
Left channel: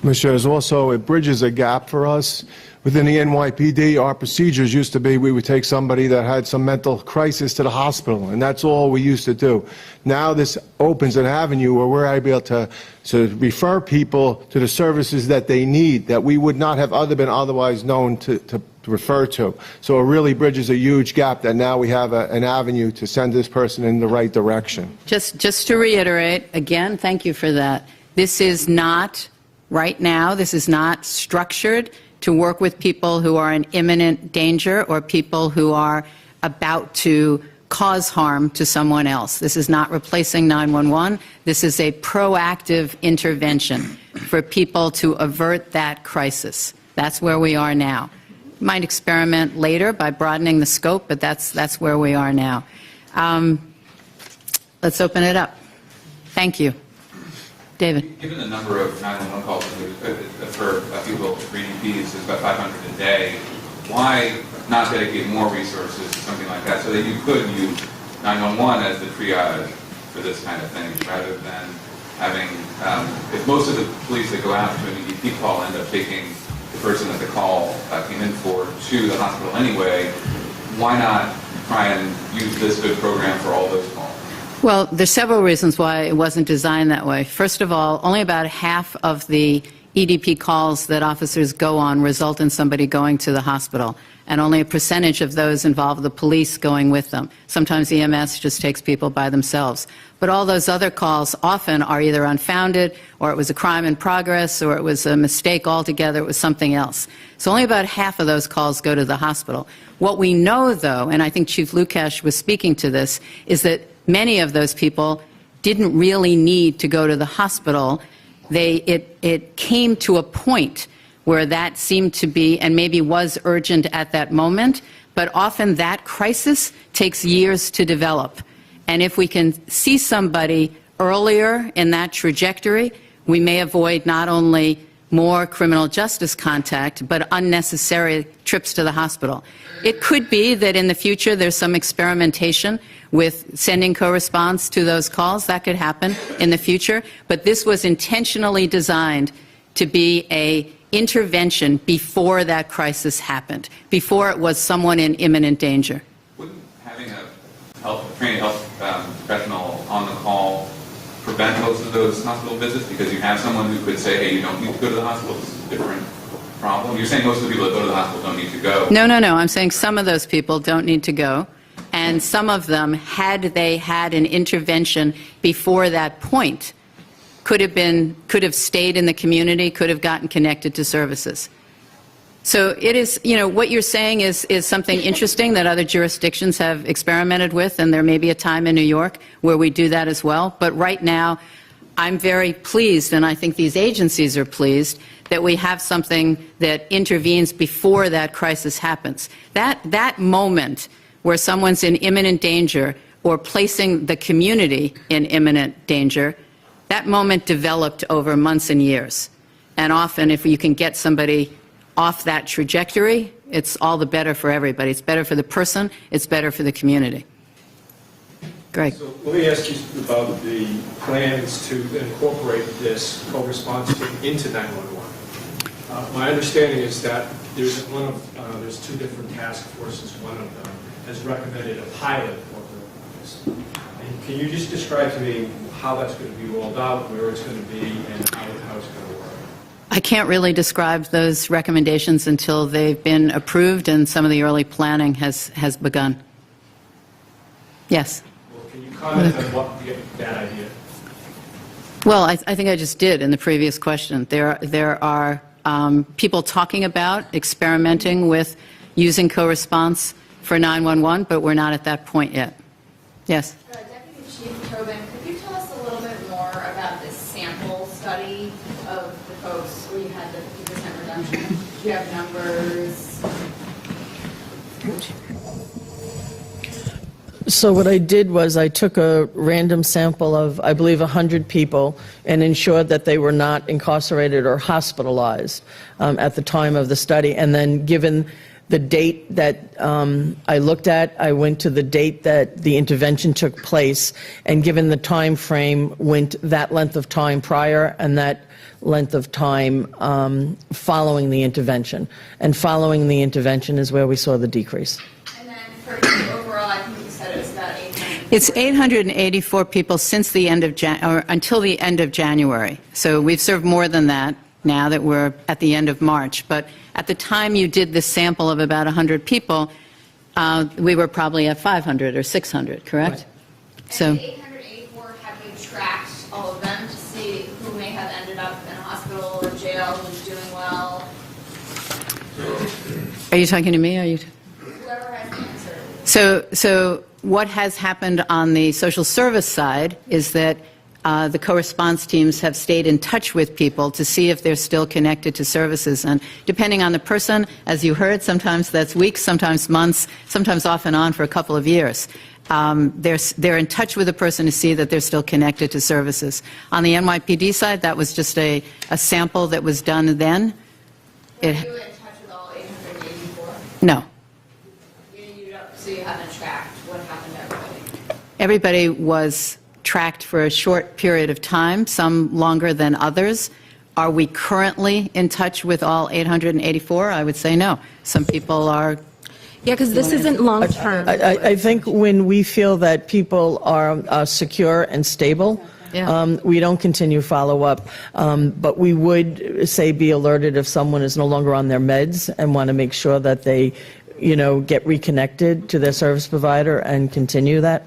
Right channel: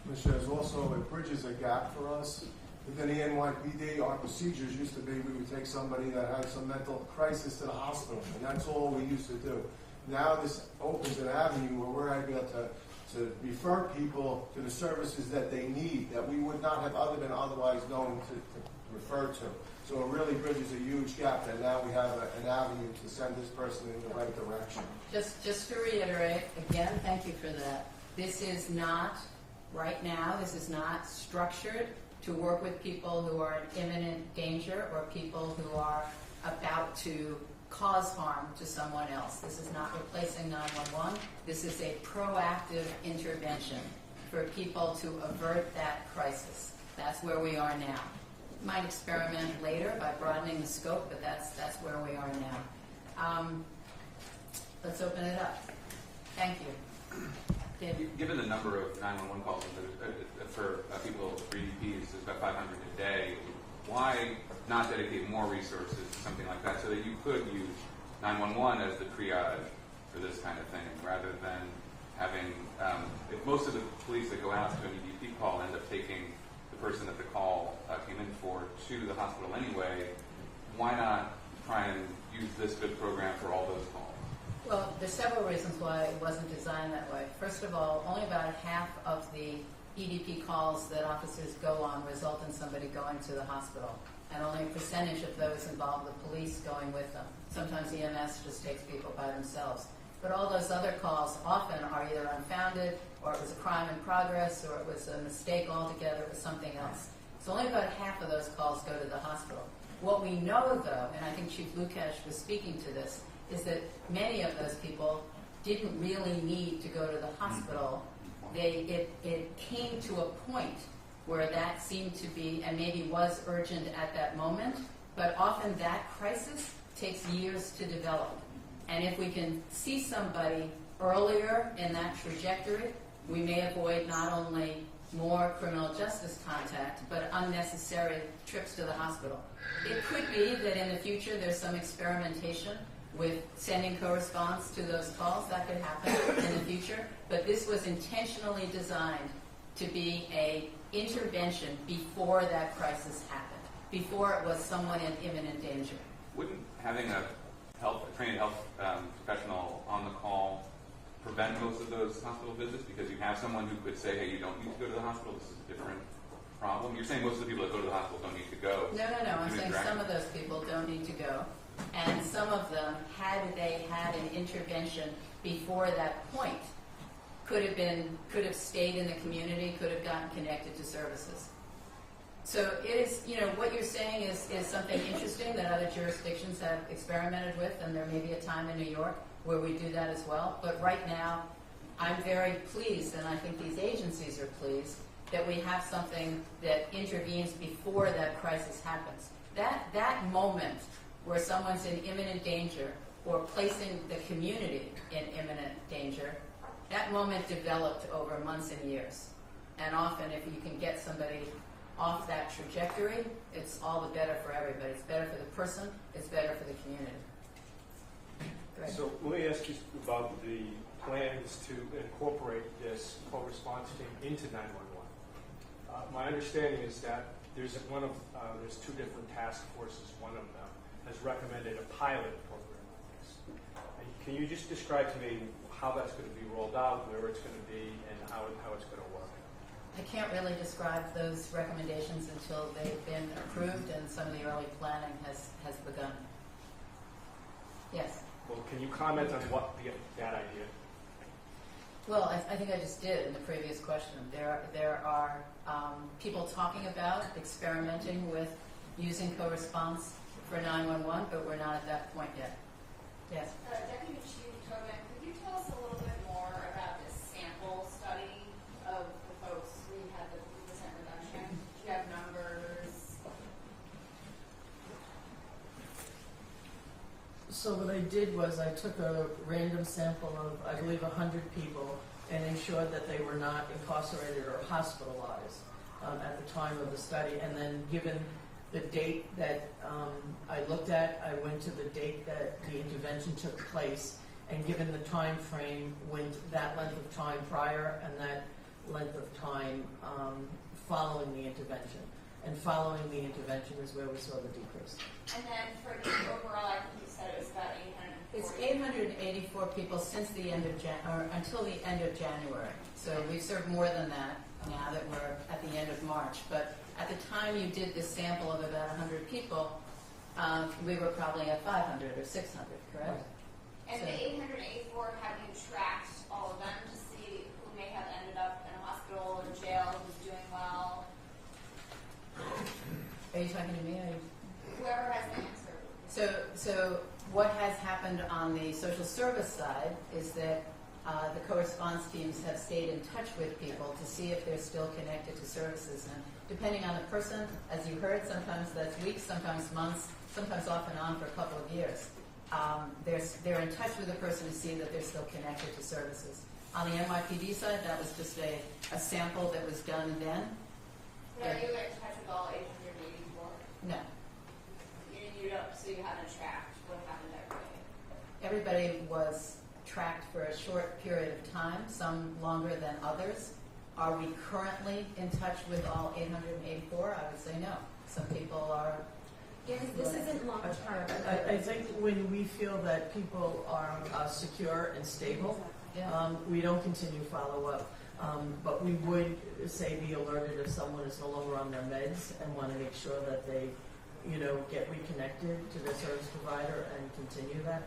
Commissioners, also, it bridges a gap for us. Within the NYPD, our procedures used to be we would take somebody that had some mental crisis to the hospital, and that's all we used to do. Now this opens an avenue where we're able to refer people to the services that they need, that we would not have been otherwise known to refer to. So it really bridges a huge gap that now we have an avenue to send this person in the right direction. Just to reiterate, again, thank you for that. This is not, right now, this is not structured to work with people who are in imminent danger or people who are about to cause harm to someone else. This is not replacing 911. This is a proactive intervention for people to avert that crisis. That's where we are now. We might experiment later by broadening the scope, but that's where we are now. Let's open it up. Thank you. David. Given the number of 911 calls for people for EDPs is about 500 a day, why not dedicate more resources to something like that so that you could use 911 as the triage for this kind of thing rather than having, if most of the police that go out to an EDP call end up taking the person that the call came in for to the hospital anyway, why not try and use this good program for all those calls? Well, there's several reasons why it wasn't designed that way. First of all, only about half of the EDP calls that officers go on result in somebody going to the hospital, and only a percentage of those involve the police going with them. Sometimes EMS just takes people by themselves. But all those other calls often are either unfounded, or it was a crime in progress, or it was a mistake altogether, it was something else. So only about half of those calls go to the hospital. What we know, though, and I think Chief Lukash was speaking to this, is that many of those people didn't really need to go to the hospital. It came to a point where that seemed to be, and maybe was urgent at that moment, but often that crisis takes years to develop. And if we can see somebody earlier in that trajectory, we may avoid not only more criminal justice contact, but unnecessary trips to the hospital. It could be that in the future there's some experimentation with sending co-response to those calls. That could happen in the future. But this was intentionally designed to be an intervention before that crisis happened, before it was someone in imminent danger. Wouldn't having a trained health professional on the call prevent most of those hospital visits because you have someone who could say, hey, you don't need to go to the hospital, this is a different problem? You're saying most of the people that go to the hospital don't need to go. No. I'm saying some of those people don't need to go. And some of them, had they had an intervention before that point, could have stayed in the community, could have gotten connected to services. So it is, what you're saying is something interesting that other jurisdictions have experimented with, and there may be a time in New York where we do that as well. But right now, I'm very pleased, and I think these agencies are pleased, that we have something that intervenes before that crisis happens. That moment where someone's in imminent danger or placing the community in imminent danger, that moment developed over months and years. And often, if you can get somebody off that trajectory, it's all the better for everybody. It's better for the person, it's better for the community. Greg. So let me ask you about the plans to incorporate this co-response team into 911. My understanding is that there's two different task forces. One of them has recommended a pilot corporate office. And can you just describe to me how that's going to be rolled out, where it's going to be, and how it's going to work? I can't really describe those recommendations until they've been approved and some of the early planning has begun. Yes? Well, can you comment on what that idea? Well, I think I just did in the previous question. There are people talking about experimenting with using co-response for 911, but we're not at that point yet. Yes? Deputy Chief Tobin, could you tell us a little bit more about this sample study of the folks where you had the 50% reduction? Do you have numbers? So what I did was I took a random sample of, I believe, 100 people and ensured that they were not incarcerated or hospitalized at the time of the study. And then given the date that I looked at, I went to the date that the intervention took place, and given the time frame, went that length of time prior and that length of time following the intervention. And following the intervention is where we saw the decrease. And then for overall, I think you said it was about 800. It's 884 people since the end of until the end of January. So we've served more than that. now that we're at the end of March. But at the time you did this sample of about 100 people, we were probably at 500 or 600, correct? So. And the 884, have you tracked all of them to see who may have ended up in a hospital or jail, who's doing well? Are you talking to me? Are you? Whoever has the answer. So what has happened on the social service side is that the co-response teams have stayed in touch with people to see if they're still connected to services. And depending on the person, as you heard, sometimes that's weeks, sometimes months, sometimes off and on for a couple of years. They're in touch with the person to see that they're still connected to services. On the NYPD side, that was just a sample that was done then. Were you in touch with all 884? No. So you haven't tracked what happened to everybody? Everybody was tracked for a short period of time, some longer than others. Are we currently in touch with all 884? I would say no. Some people are. Yeah, because this isn't long-term. I think when we feel that people are secure and stable, we don't continue follow-up. But we would say be alerted if someone is no longer on their meds and want to make sure that they, get reconnected to their service provider and continue that.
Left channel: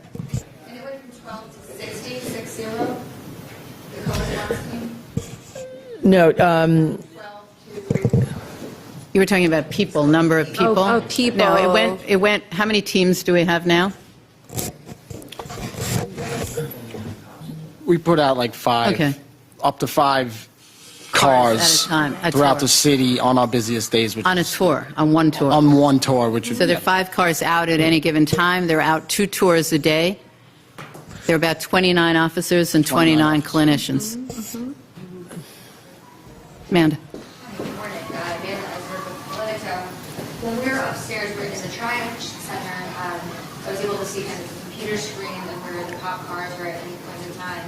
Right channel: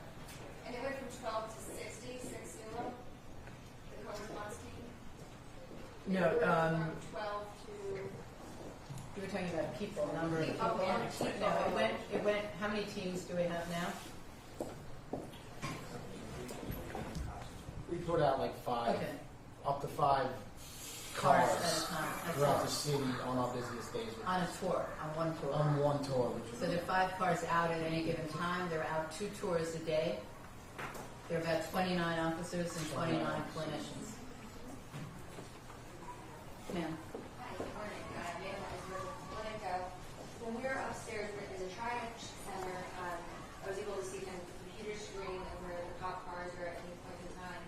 And it went from 12 to 60, 60, the co-response team? No, 12 to... You were talking about people, number of people? Oh, people. No, it went, how many teams do we have now? We put out like 5, Okay. up to 5 Cars cars at a time, a throughout tour. the city on our busiest days. Which On a tour, on one tour. on one tour, which would So there are 5 cars out at any given time. They're out 2 tours a day. There are about 29 officers and 29 clinicians. Amanda. Good morning. Amanda Eisberg with Politico. When we were upstairs, we were in the Triage Center. I was able to see kind of the computer screen and where the cop cars were at any point in time,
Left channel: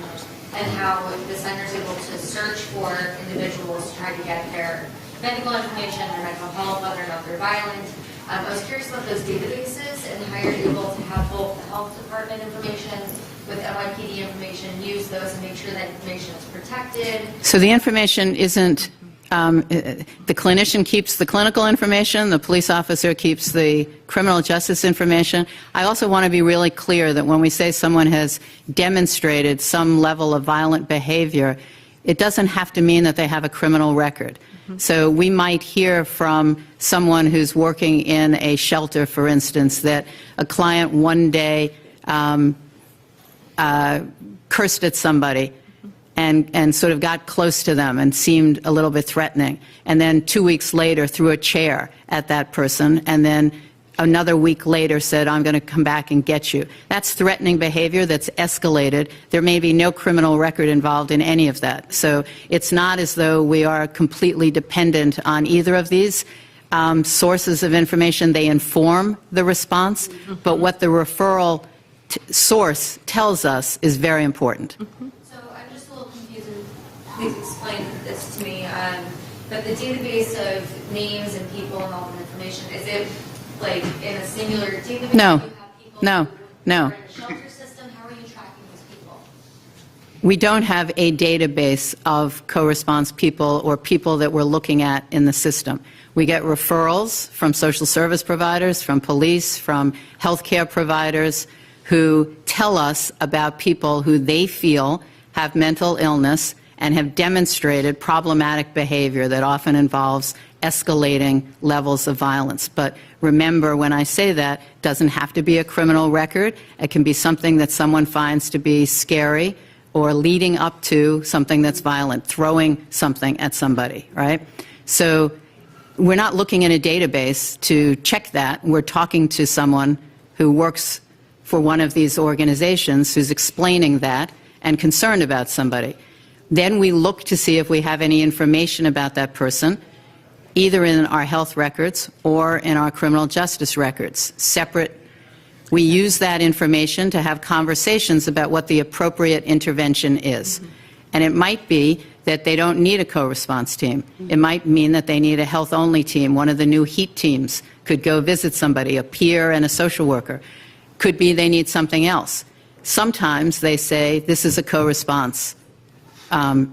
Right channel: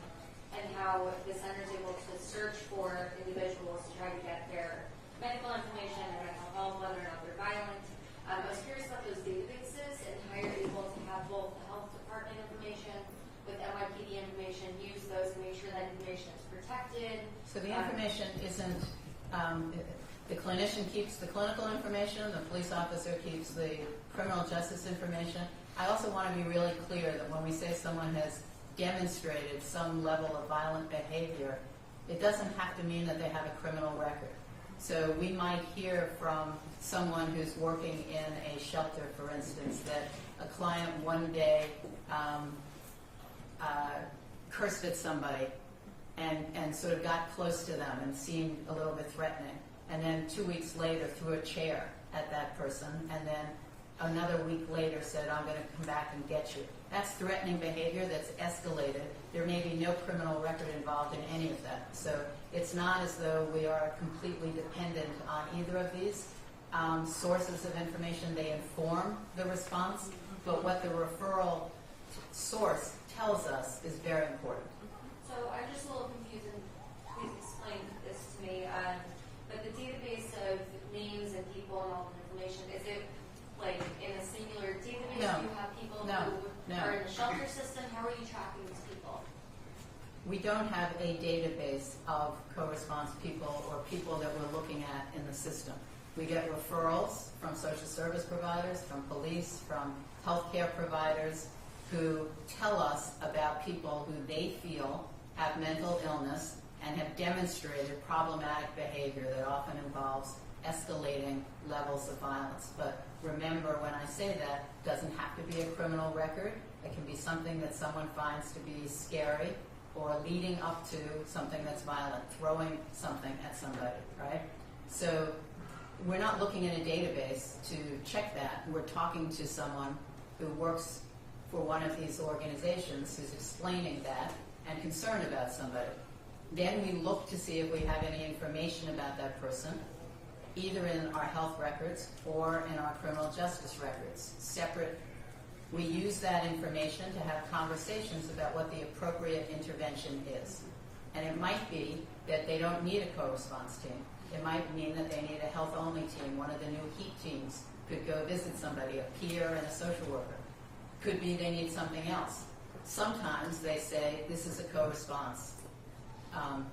and how the center is able to search for individuals to try to get their medical information, their mental health, whether or not they're violent. I was curious about those databases and how you're able to have both the health department information with NYPD information, use those and make sure that information is protected. So the information isn't, the clinician keeps the clinical information, the police officer keeps the criminal justice information. I also want to be really clear that when we say someone has demonstrated some level of violent behavior, it doesn't have to mean that they have a criminal record. So we might hear from someone who's working in a shelter, for instance, that a client one day cursed at somebody and sort of got close to them and seemed a little bit threatening, and then 2 weeks later threw a chair at that person, and then another week later said, I'm going to come back and get you. That's threatening behavior that's escalated. There may be no criminal record involved in any of that. So it's not as though we are completely dependent on either of these sources of information. They inform the response, but what the referral source tells us is very important. So I'm just a little confused, and please explain this to me. But the database of names and people and all the information, is it like in a singular database? No. Do you have people No. who No. are in the shelter system? How are you tracking these people? We don't have a database of co-response people or people that we're looking at in the system. We get referrals from social service providers, from police, from healthcare providers who tell us about people who they feel have mental illness and have demonstrated problematic behavior that often involves escalating levels of violence. But remember, when I say that, it doesn't have to be a criminal record. It can be something that someone finds to be scary or leading up to something that's violent, throwing something at somebody, right? So we're not looking in a database to check that. We're talking to someone who works for one of these organizations who's explaining that and concerned about somebody. Then we look to see if we have any information about that person, either in our health records or in our criminal justice records, separate. We use that information to have conversations about what the appropriate intervention is. And it might be that they don't need a co-response team. It might mean that they need a health-only team. One of the new HEAT teams could go visit somebody, a peer and a social worker. Could be they need something else. Sometimes they say this is a co-response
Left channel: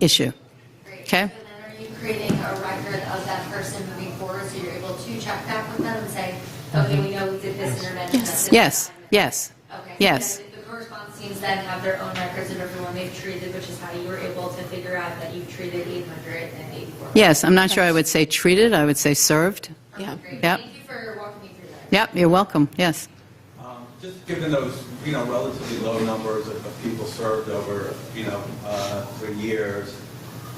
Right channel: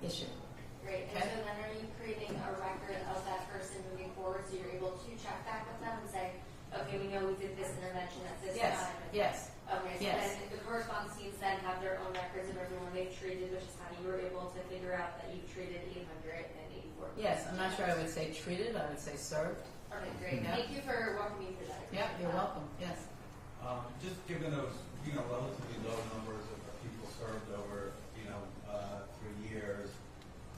issue. Right. Okay? So then are you creating a record of that person moving forward, so you're able to check back with them and say, okay, we know we did this intervention. Yes, yes, yes, Okay, so yes. then the co-response teams then have their own records of everyone they've treated, which is how you were able to figure out that you've treated 884. Yes, I'm not sure I would say treated, I would say served. Okay, great. Yep. Thank you for walking me through that. Yep, you're welcome, yes. Just given those, relatively low numbers of people served over, for years,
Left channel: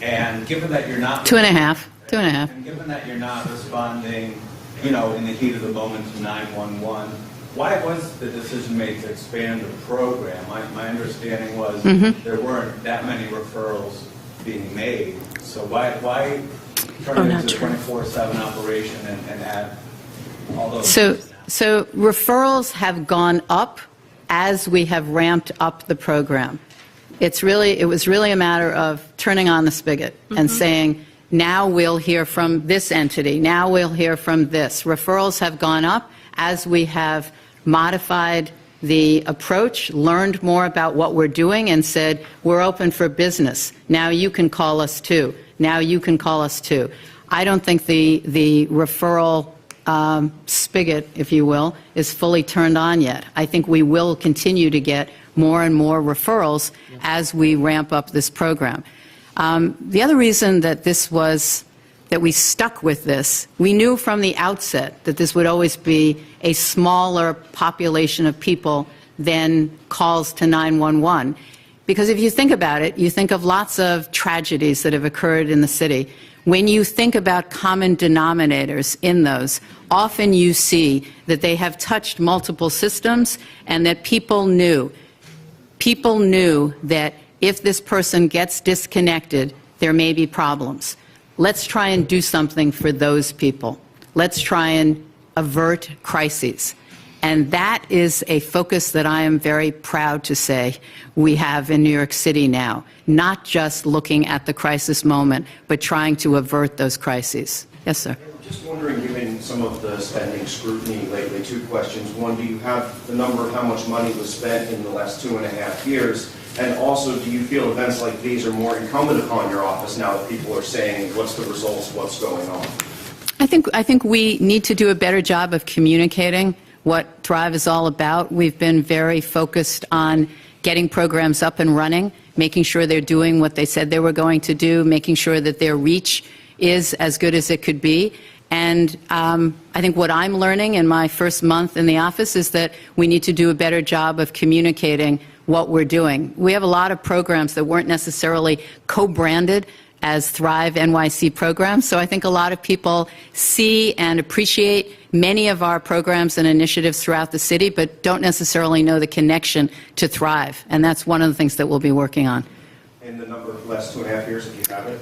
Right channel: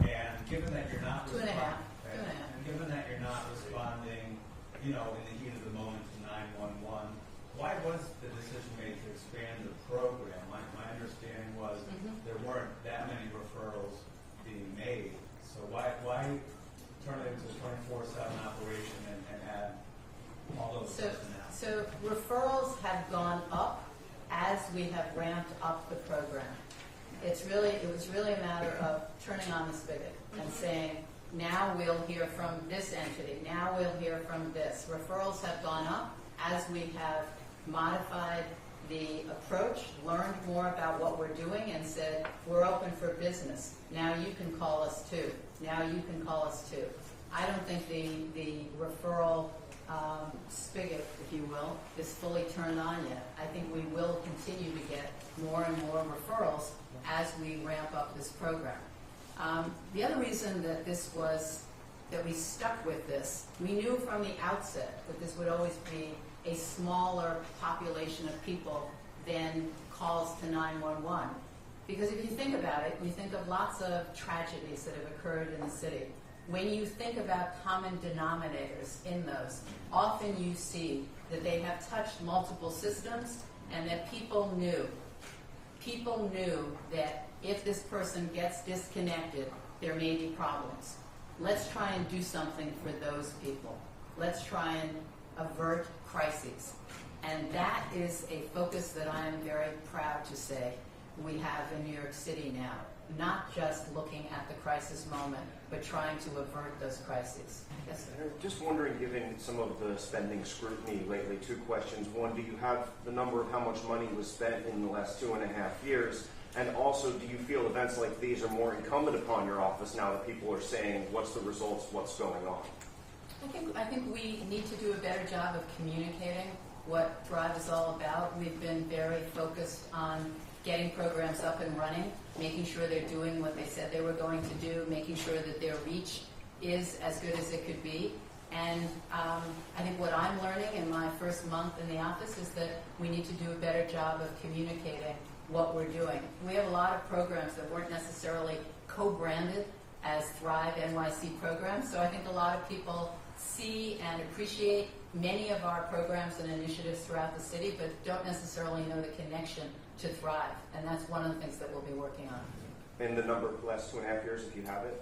and given that you're not... 2.5. And given that you're not responding, in the heat of the moment to 911, why was the decision made to expand the program? My understanding was there weren't that many referrals being made, so why turn it into a 24/7 operation and add all those... So referrals have gone up as we have ramped up the program. It was really a matter of turning on the spigot and saying, now we'll hear from this entity, now we'll hear from this. Referrals have gone up as we have modified the approach, learned more about what we're doing, and said, we're open for business. Now you can call us too. Now you can call us too. I don't think the referral spigot, if you will, is fully turned on yet. I think we will continue to get more and more referrals as we ramp up this program. The other reason that that we stuck with this, we knew from the outset that this would always be a smaller population of people than calls to 911. Because if you think about it, you think of lots of tragedies that have occurred in the city. When you think about common denominators in those, often you see that they have touched multiple systems and that people knew that if this person gets disconnected, there may be problems. Let's try and do something for those people. Let's try and avert crises. And that is a focus that I am very proud to say we have in New York City now, not just looking at the crisis moment, but trying to avert those crises. Yes, sir. Just wondering, given some of the spending scrutiny lately, two questions. One, do you have the number of how much money was spent in the last 2.5 years? And also, do you feel events like these are more incumbent upon your office now that people are saying, what's the results, what's going on? I think we need to do a better job of communicating what Thrive is all about. We've been very focused on getting programs up and running, making sure they're doing what they said they were going to do, making sure that their reach is as good as it could be. And I think what I'm learning in my first month in the office is that we need to do a better job of communicating what we're doing. We have a lot of programs that weren't necessarily co-branded as Thrive NYC programs, so I think a lot of people see and appreciate many of our programs and initiatives throughout the city, but don't necessarily know the connection to Thrive, and that's one of the things that we'll be working on. And the number of the last 2.5 years, if you have it?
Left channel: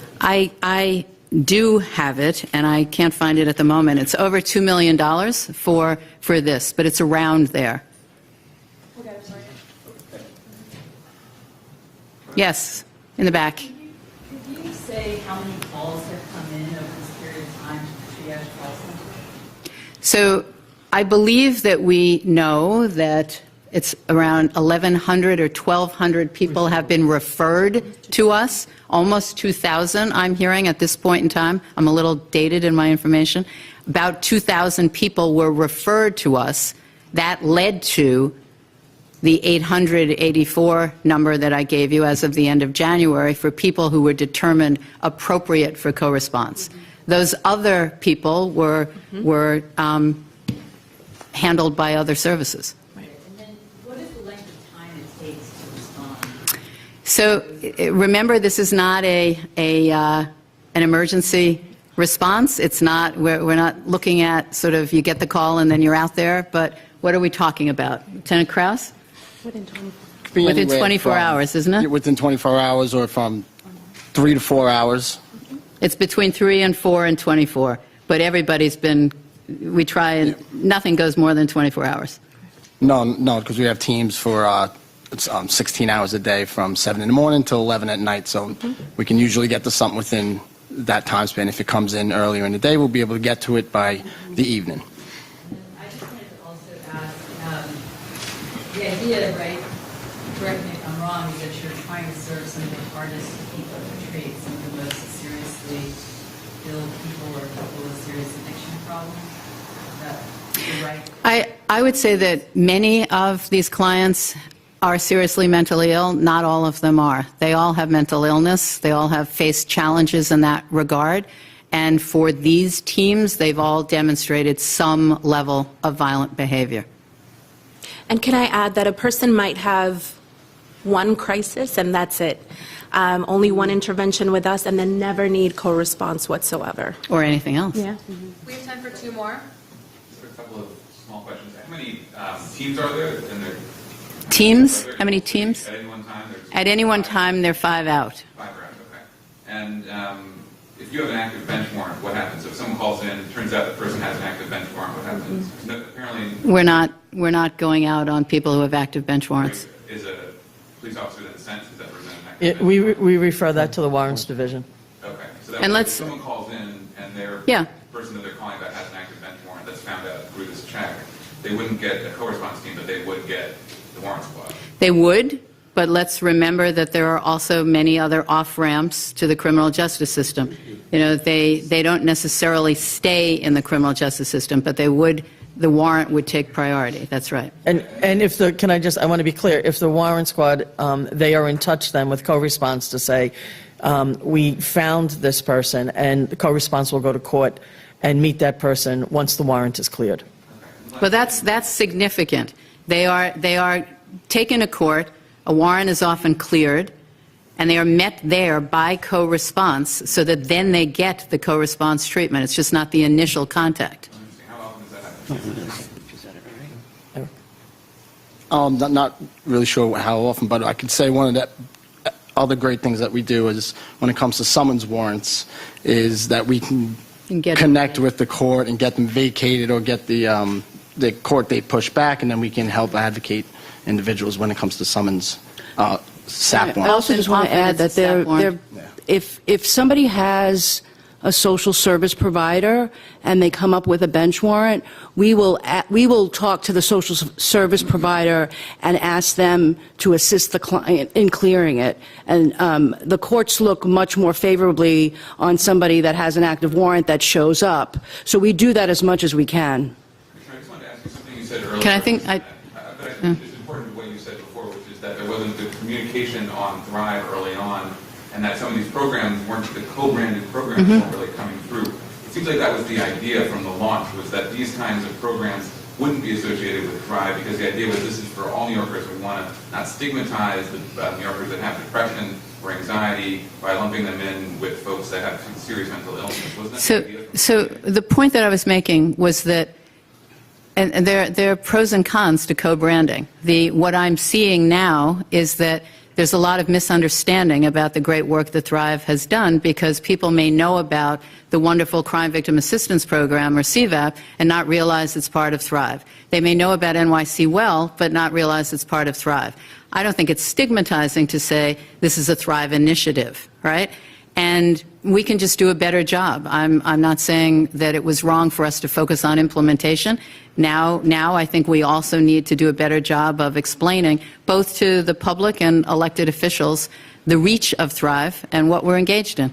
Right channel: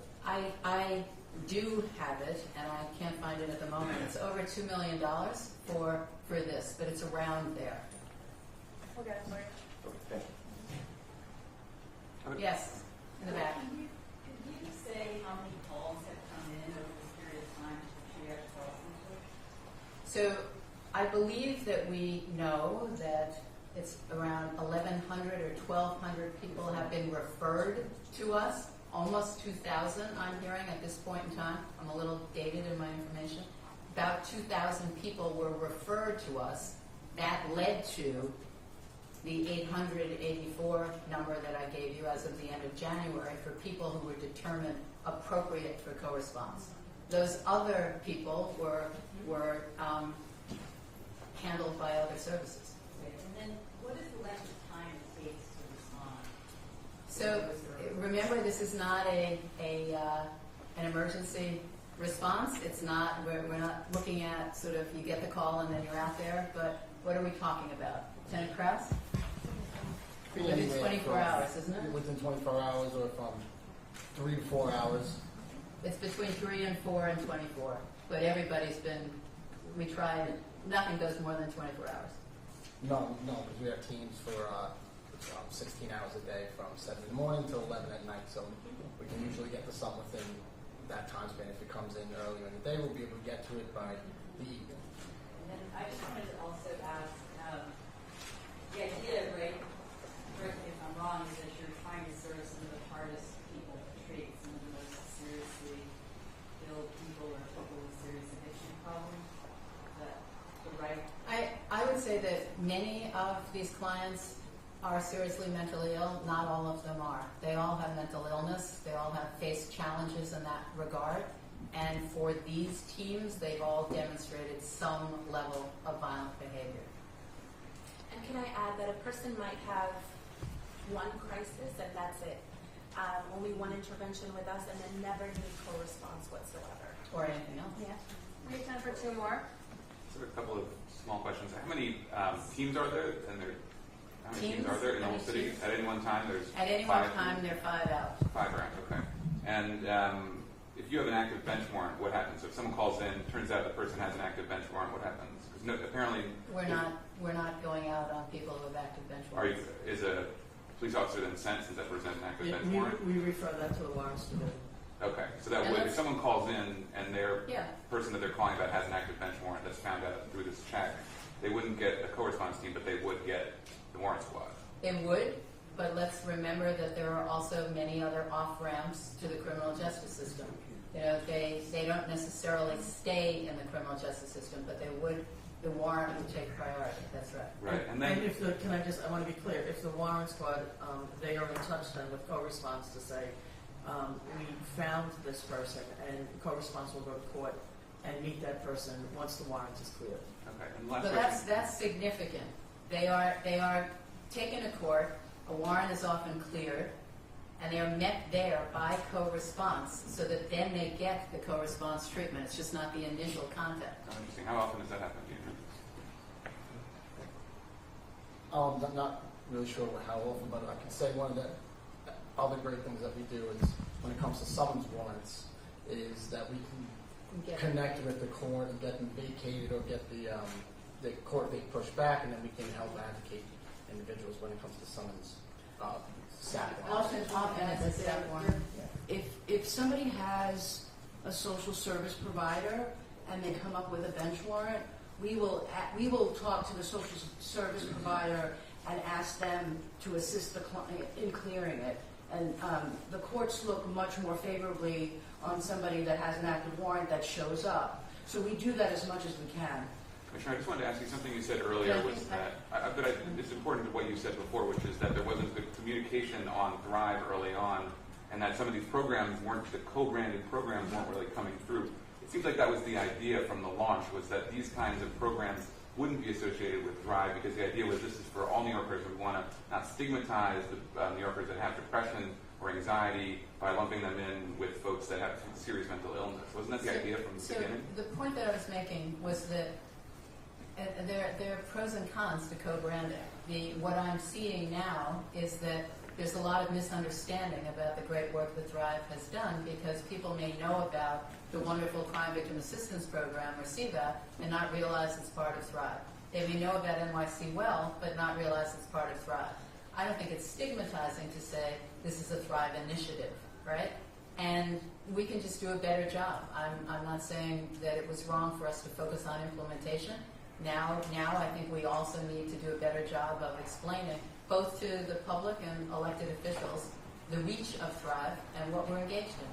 I do have it, and I can't find it at the moment. It's over $2 million for this, but it's around there. Okay, I'm sorry. Yes, in the back. Could you say how many calls have come in over this period of time to the triage call center? So I believe that we know that it's around 1,100 or 1,200 people have been referred to us, almost 2,000 I'm hearing at this point in time. I'm a little dated in my information. About 2,000 people were referred to us. That led to the 884 number that I gave you as of the end of January for people who were determined appropriate for co-response. Those other people were handled by other services. And then what is the length of time it takes to respond? So remember, this is not an emergency response. It's not, we're not looking at sort of you get the call and then you're out there, but what are we talking about? Lieutenant Krause? Within 24 hours, isn't it? Within 24 hours or from 3 to 4 hours. It's between 3 and 4 and 24, but everybody's been, we try and, nothing goes more than 24 hours. No, because we have teams for 16 hours a day from 7 in the morning till 11 at night, so we can usually get to something within that time span. If it comes in earlier in the day, we'll be able to get to it by the evening. I just wanted to also ask, the idea, right, correct me if I'm wrong, is that you're trying to serve some of the hardest people to treat, some of the most seriously ill people or people with serious addiction problems? Is that right? I would say that many of these clients are seriously mentally ill. Not all of them are. They all have mental illness. They all have faced challenges in that regard. And for these teams, they've all demonstrated some level of violent behavior. And can I add that a person might have one crisis and that's it, only one intervention with us, and then never need co-response whatsoever. Or anything else. Yeah. We have time for two more. A couple of small questions. How many teams are there? Teams? How many teams? At any one time? At any one time, they're 5 out. 5 rounds, okay. And if you have an active bench warrant, what happens? If someone calls in, it turns out the person has an active bench warrant, what happens? No, apparently... We're not going out on people who have active bench warrants. Is a police officer then sentenced? Is that person an active bench warrant? We refer that to the warrants division. Okay. So that And way, if let's- someone calls in and their person that they're calling about has an active bench warrant that's found out through this check, they wouldn't get a co-response team, but they would get the warrant squad. They would, but let's remember that there are also many other off-ramps to the criminal justice system. You know, they don't necessarily stay in the criminal justice system, but they would, the warrant would take priority. That's right. And if the, I want to be clear, if the warrant squad, they are in touch then with co-response to say, we found this person, and the co-response will go to court and meet that person once the warrant is cleared. But that's significant. They are taken to court, a warrant is often cleared, and they are met there by co-response so that then they get the co-response treatment. It's just not the initial contact. How often does that happen? Not really sure how often, but I could say one of the other great things that we do is when it comes to summons warrants is that we can connect with the court and get them vacated or get the court date pushed back, and then we can help advocate individuals when it comes to summons SAP warrants. I also just want to add that if somebody has a social service provider and they come up with a bench warrant, we will talk to the social service provider and ask them to assist the client in clearing it. And the courts look much more favorably on somebody that has an active warrant that shows up. So we do that as much as we can. I just wanted to ask you something you said earlier. Can I think but I think it's important what you said before, which is that there wasn't good communication on Thrive early on, and that some of these programs weren't, the co-branded programs weren't really coming through. It seems like that was the idea from the launch, was that these kinds of programs wouldn't be associated with Thrive, because the idea was this is for all New Yorkers. We want to not stigmatize the New Yorkers that have depression or anxiety by lumping them in with folks that have serious mental illness. Wasn't that the idea? So the point that I was making was that, and there are pros and cons to co-branding. What I'm seeing now is that there's a lot of misunderstanding about the great work that Thrive has done, because people may know about the wonderful Crime Victim Assistance Program, or CVAP, and not realize it's part of Thrive. They may know about NYC Well, but not realize it's part of Thrive. I don't think it's stigmatizing to say this is a Thrive initiative, right? And we can just do a better job. I'm not saying that it was wrong for us to focus on implementation. Now I think we also need to do a better job of explaining, both to the public and elected officials, the reach of Thrive and what we're engaged in.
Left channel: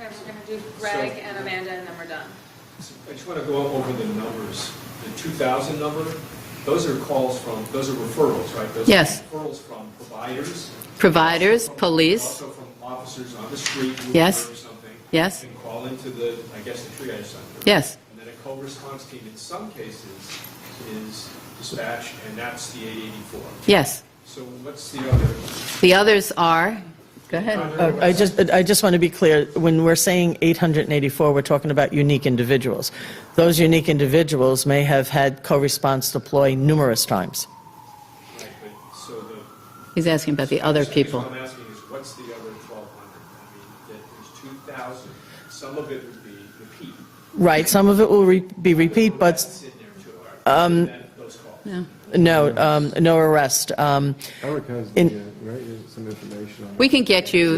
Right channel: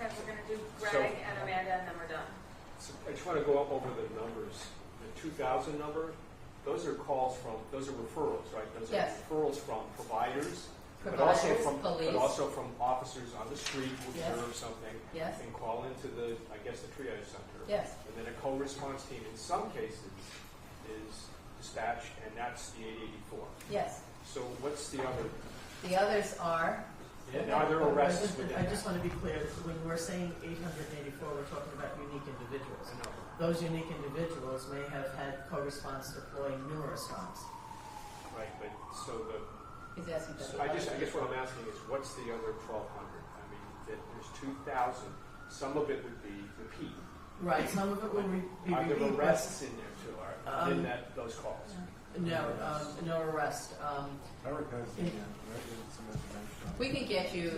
Okay, we're going to do Greg and Amanda, and then we're done. I just want to go over the numbers. The 2,000 number, those are calls from, those are referrals, right? Those Yes. are referrals from providers. Providers, police. Also from officers on the street who Yes. observe something. Yes. And call into the, I guess, the triage center. Yes. And then a co-response team in some cases is dispatched, and that's the 884. Yes. So what's the other? The others are, go ahead. I just want to be clear, when we're saying 884, we're talking about unique individuals. Those unique individuals may have had co-response deploy numerous times. Right, but so the. He's asking about the other people. What I'm asking is, what's the other 1,200? I mean, there's 2,000. Some of it would be repeat. Right, some of it will be repeat, but That's in there too, those calls. no arrest. Eric has some information on We can get you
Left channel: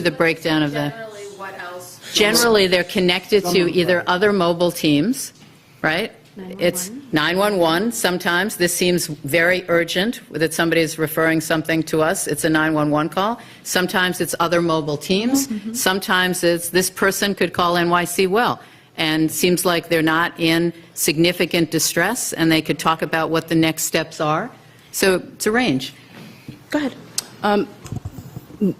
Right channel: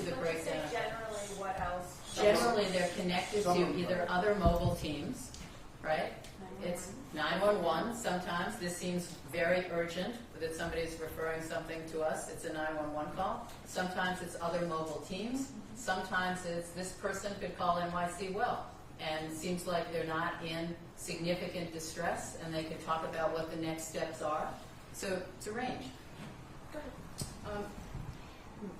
the breakdown of that. Generally, what else? Generally, they're connected to either other mobile teams, right? It's 911 sometimes. This seems very urgent, that somebody is referring something to us. It's a 911 call. Sometimes it's other mobile teams. Sometimes it's this person could call NYC well, and seems like they're not in significant distress, and they could talk about what the next steps are. So it's a range. Go ahead.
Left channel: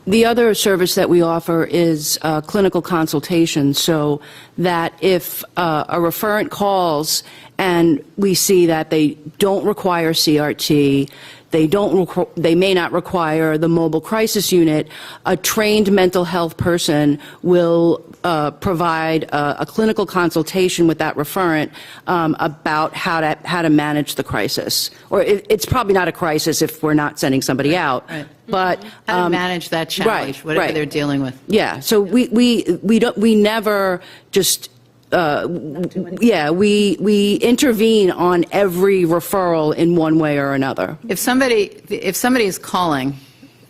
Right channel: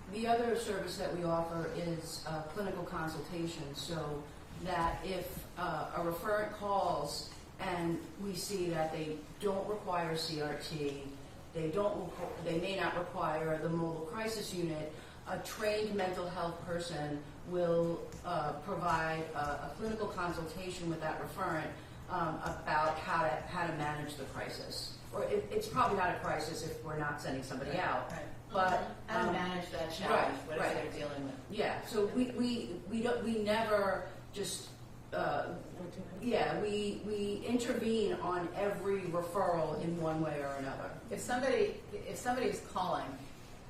The other service that we offer is clinical consultation, so that if a referent calls and we see that they don't require CRT, they may not require the mobile crisis unit, a trained mental health person will provide a clinical consultation with that referent about how to manage the crisis. Or it's probably not a crisis if we're not sending somebody out, Right. but How to manage that challenge, right, whatever right. they're dealing with. Yeah, so we never just we intervene on every referral in one way or another. If somebody is calling,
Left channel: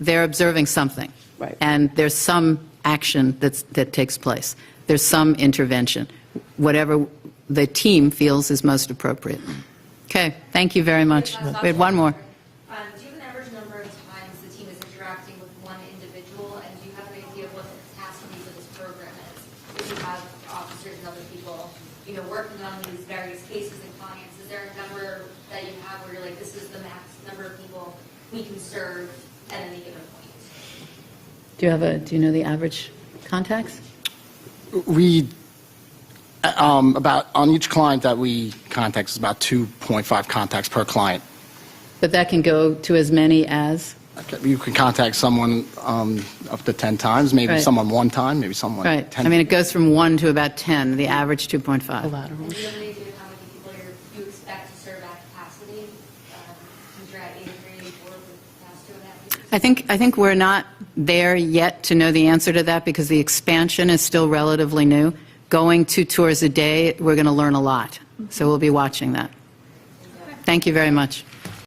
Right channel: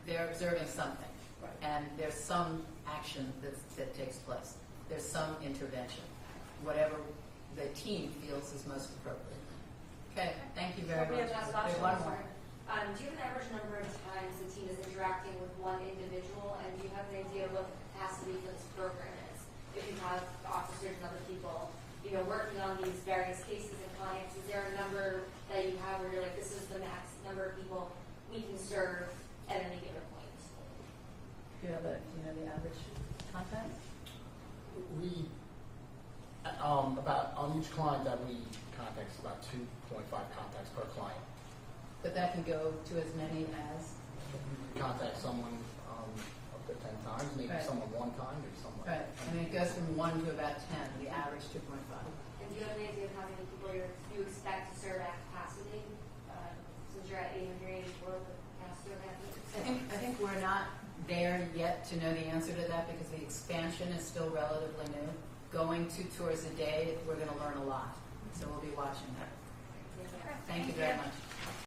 they're observing something. Right. And there's some action that takes place. There's some intervention, whatever the team feels is most appropriate. Okay, thank you very much. We had one more. Do you have an average number of times the team is interacting with one individual, and do you have an idea of what the capacity for this program is? If you have officers and other people, working on these various cases and clients, is there a number that you have where you're like, this is the max number of people we can serve at any given point? Do you know the average contacts? We, about, on each client that we contact, is about 2.5 contacts per client. But that can go to as many as? You can contact someone up to 10 times, maybe Right. someone one time, maybe someone Right. 10. I mean, it goes from 1 to about 10, the average 2.5. Do you have an idea of how many people you expect to serve at capacity? Since you're at 83, 84 for the past 2.5 years? I think we're not there yet to know the answer to that because the expansion is still relatively new. Going 2 tours a day, we're going to learn a lot. So we'll be watching that. Thank you very much.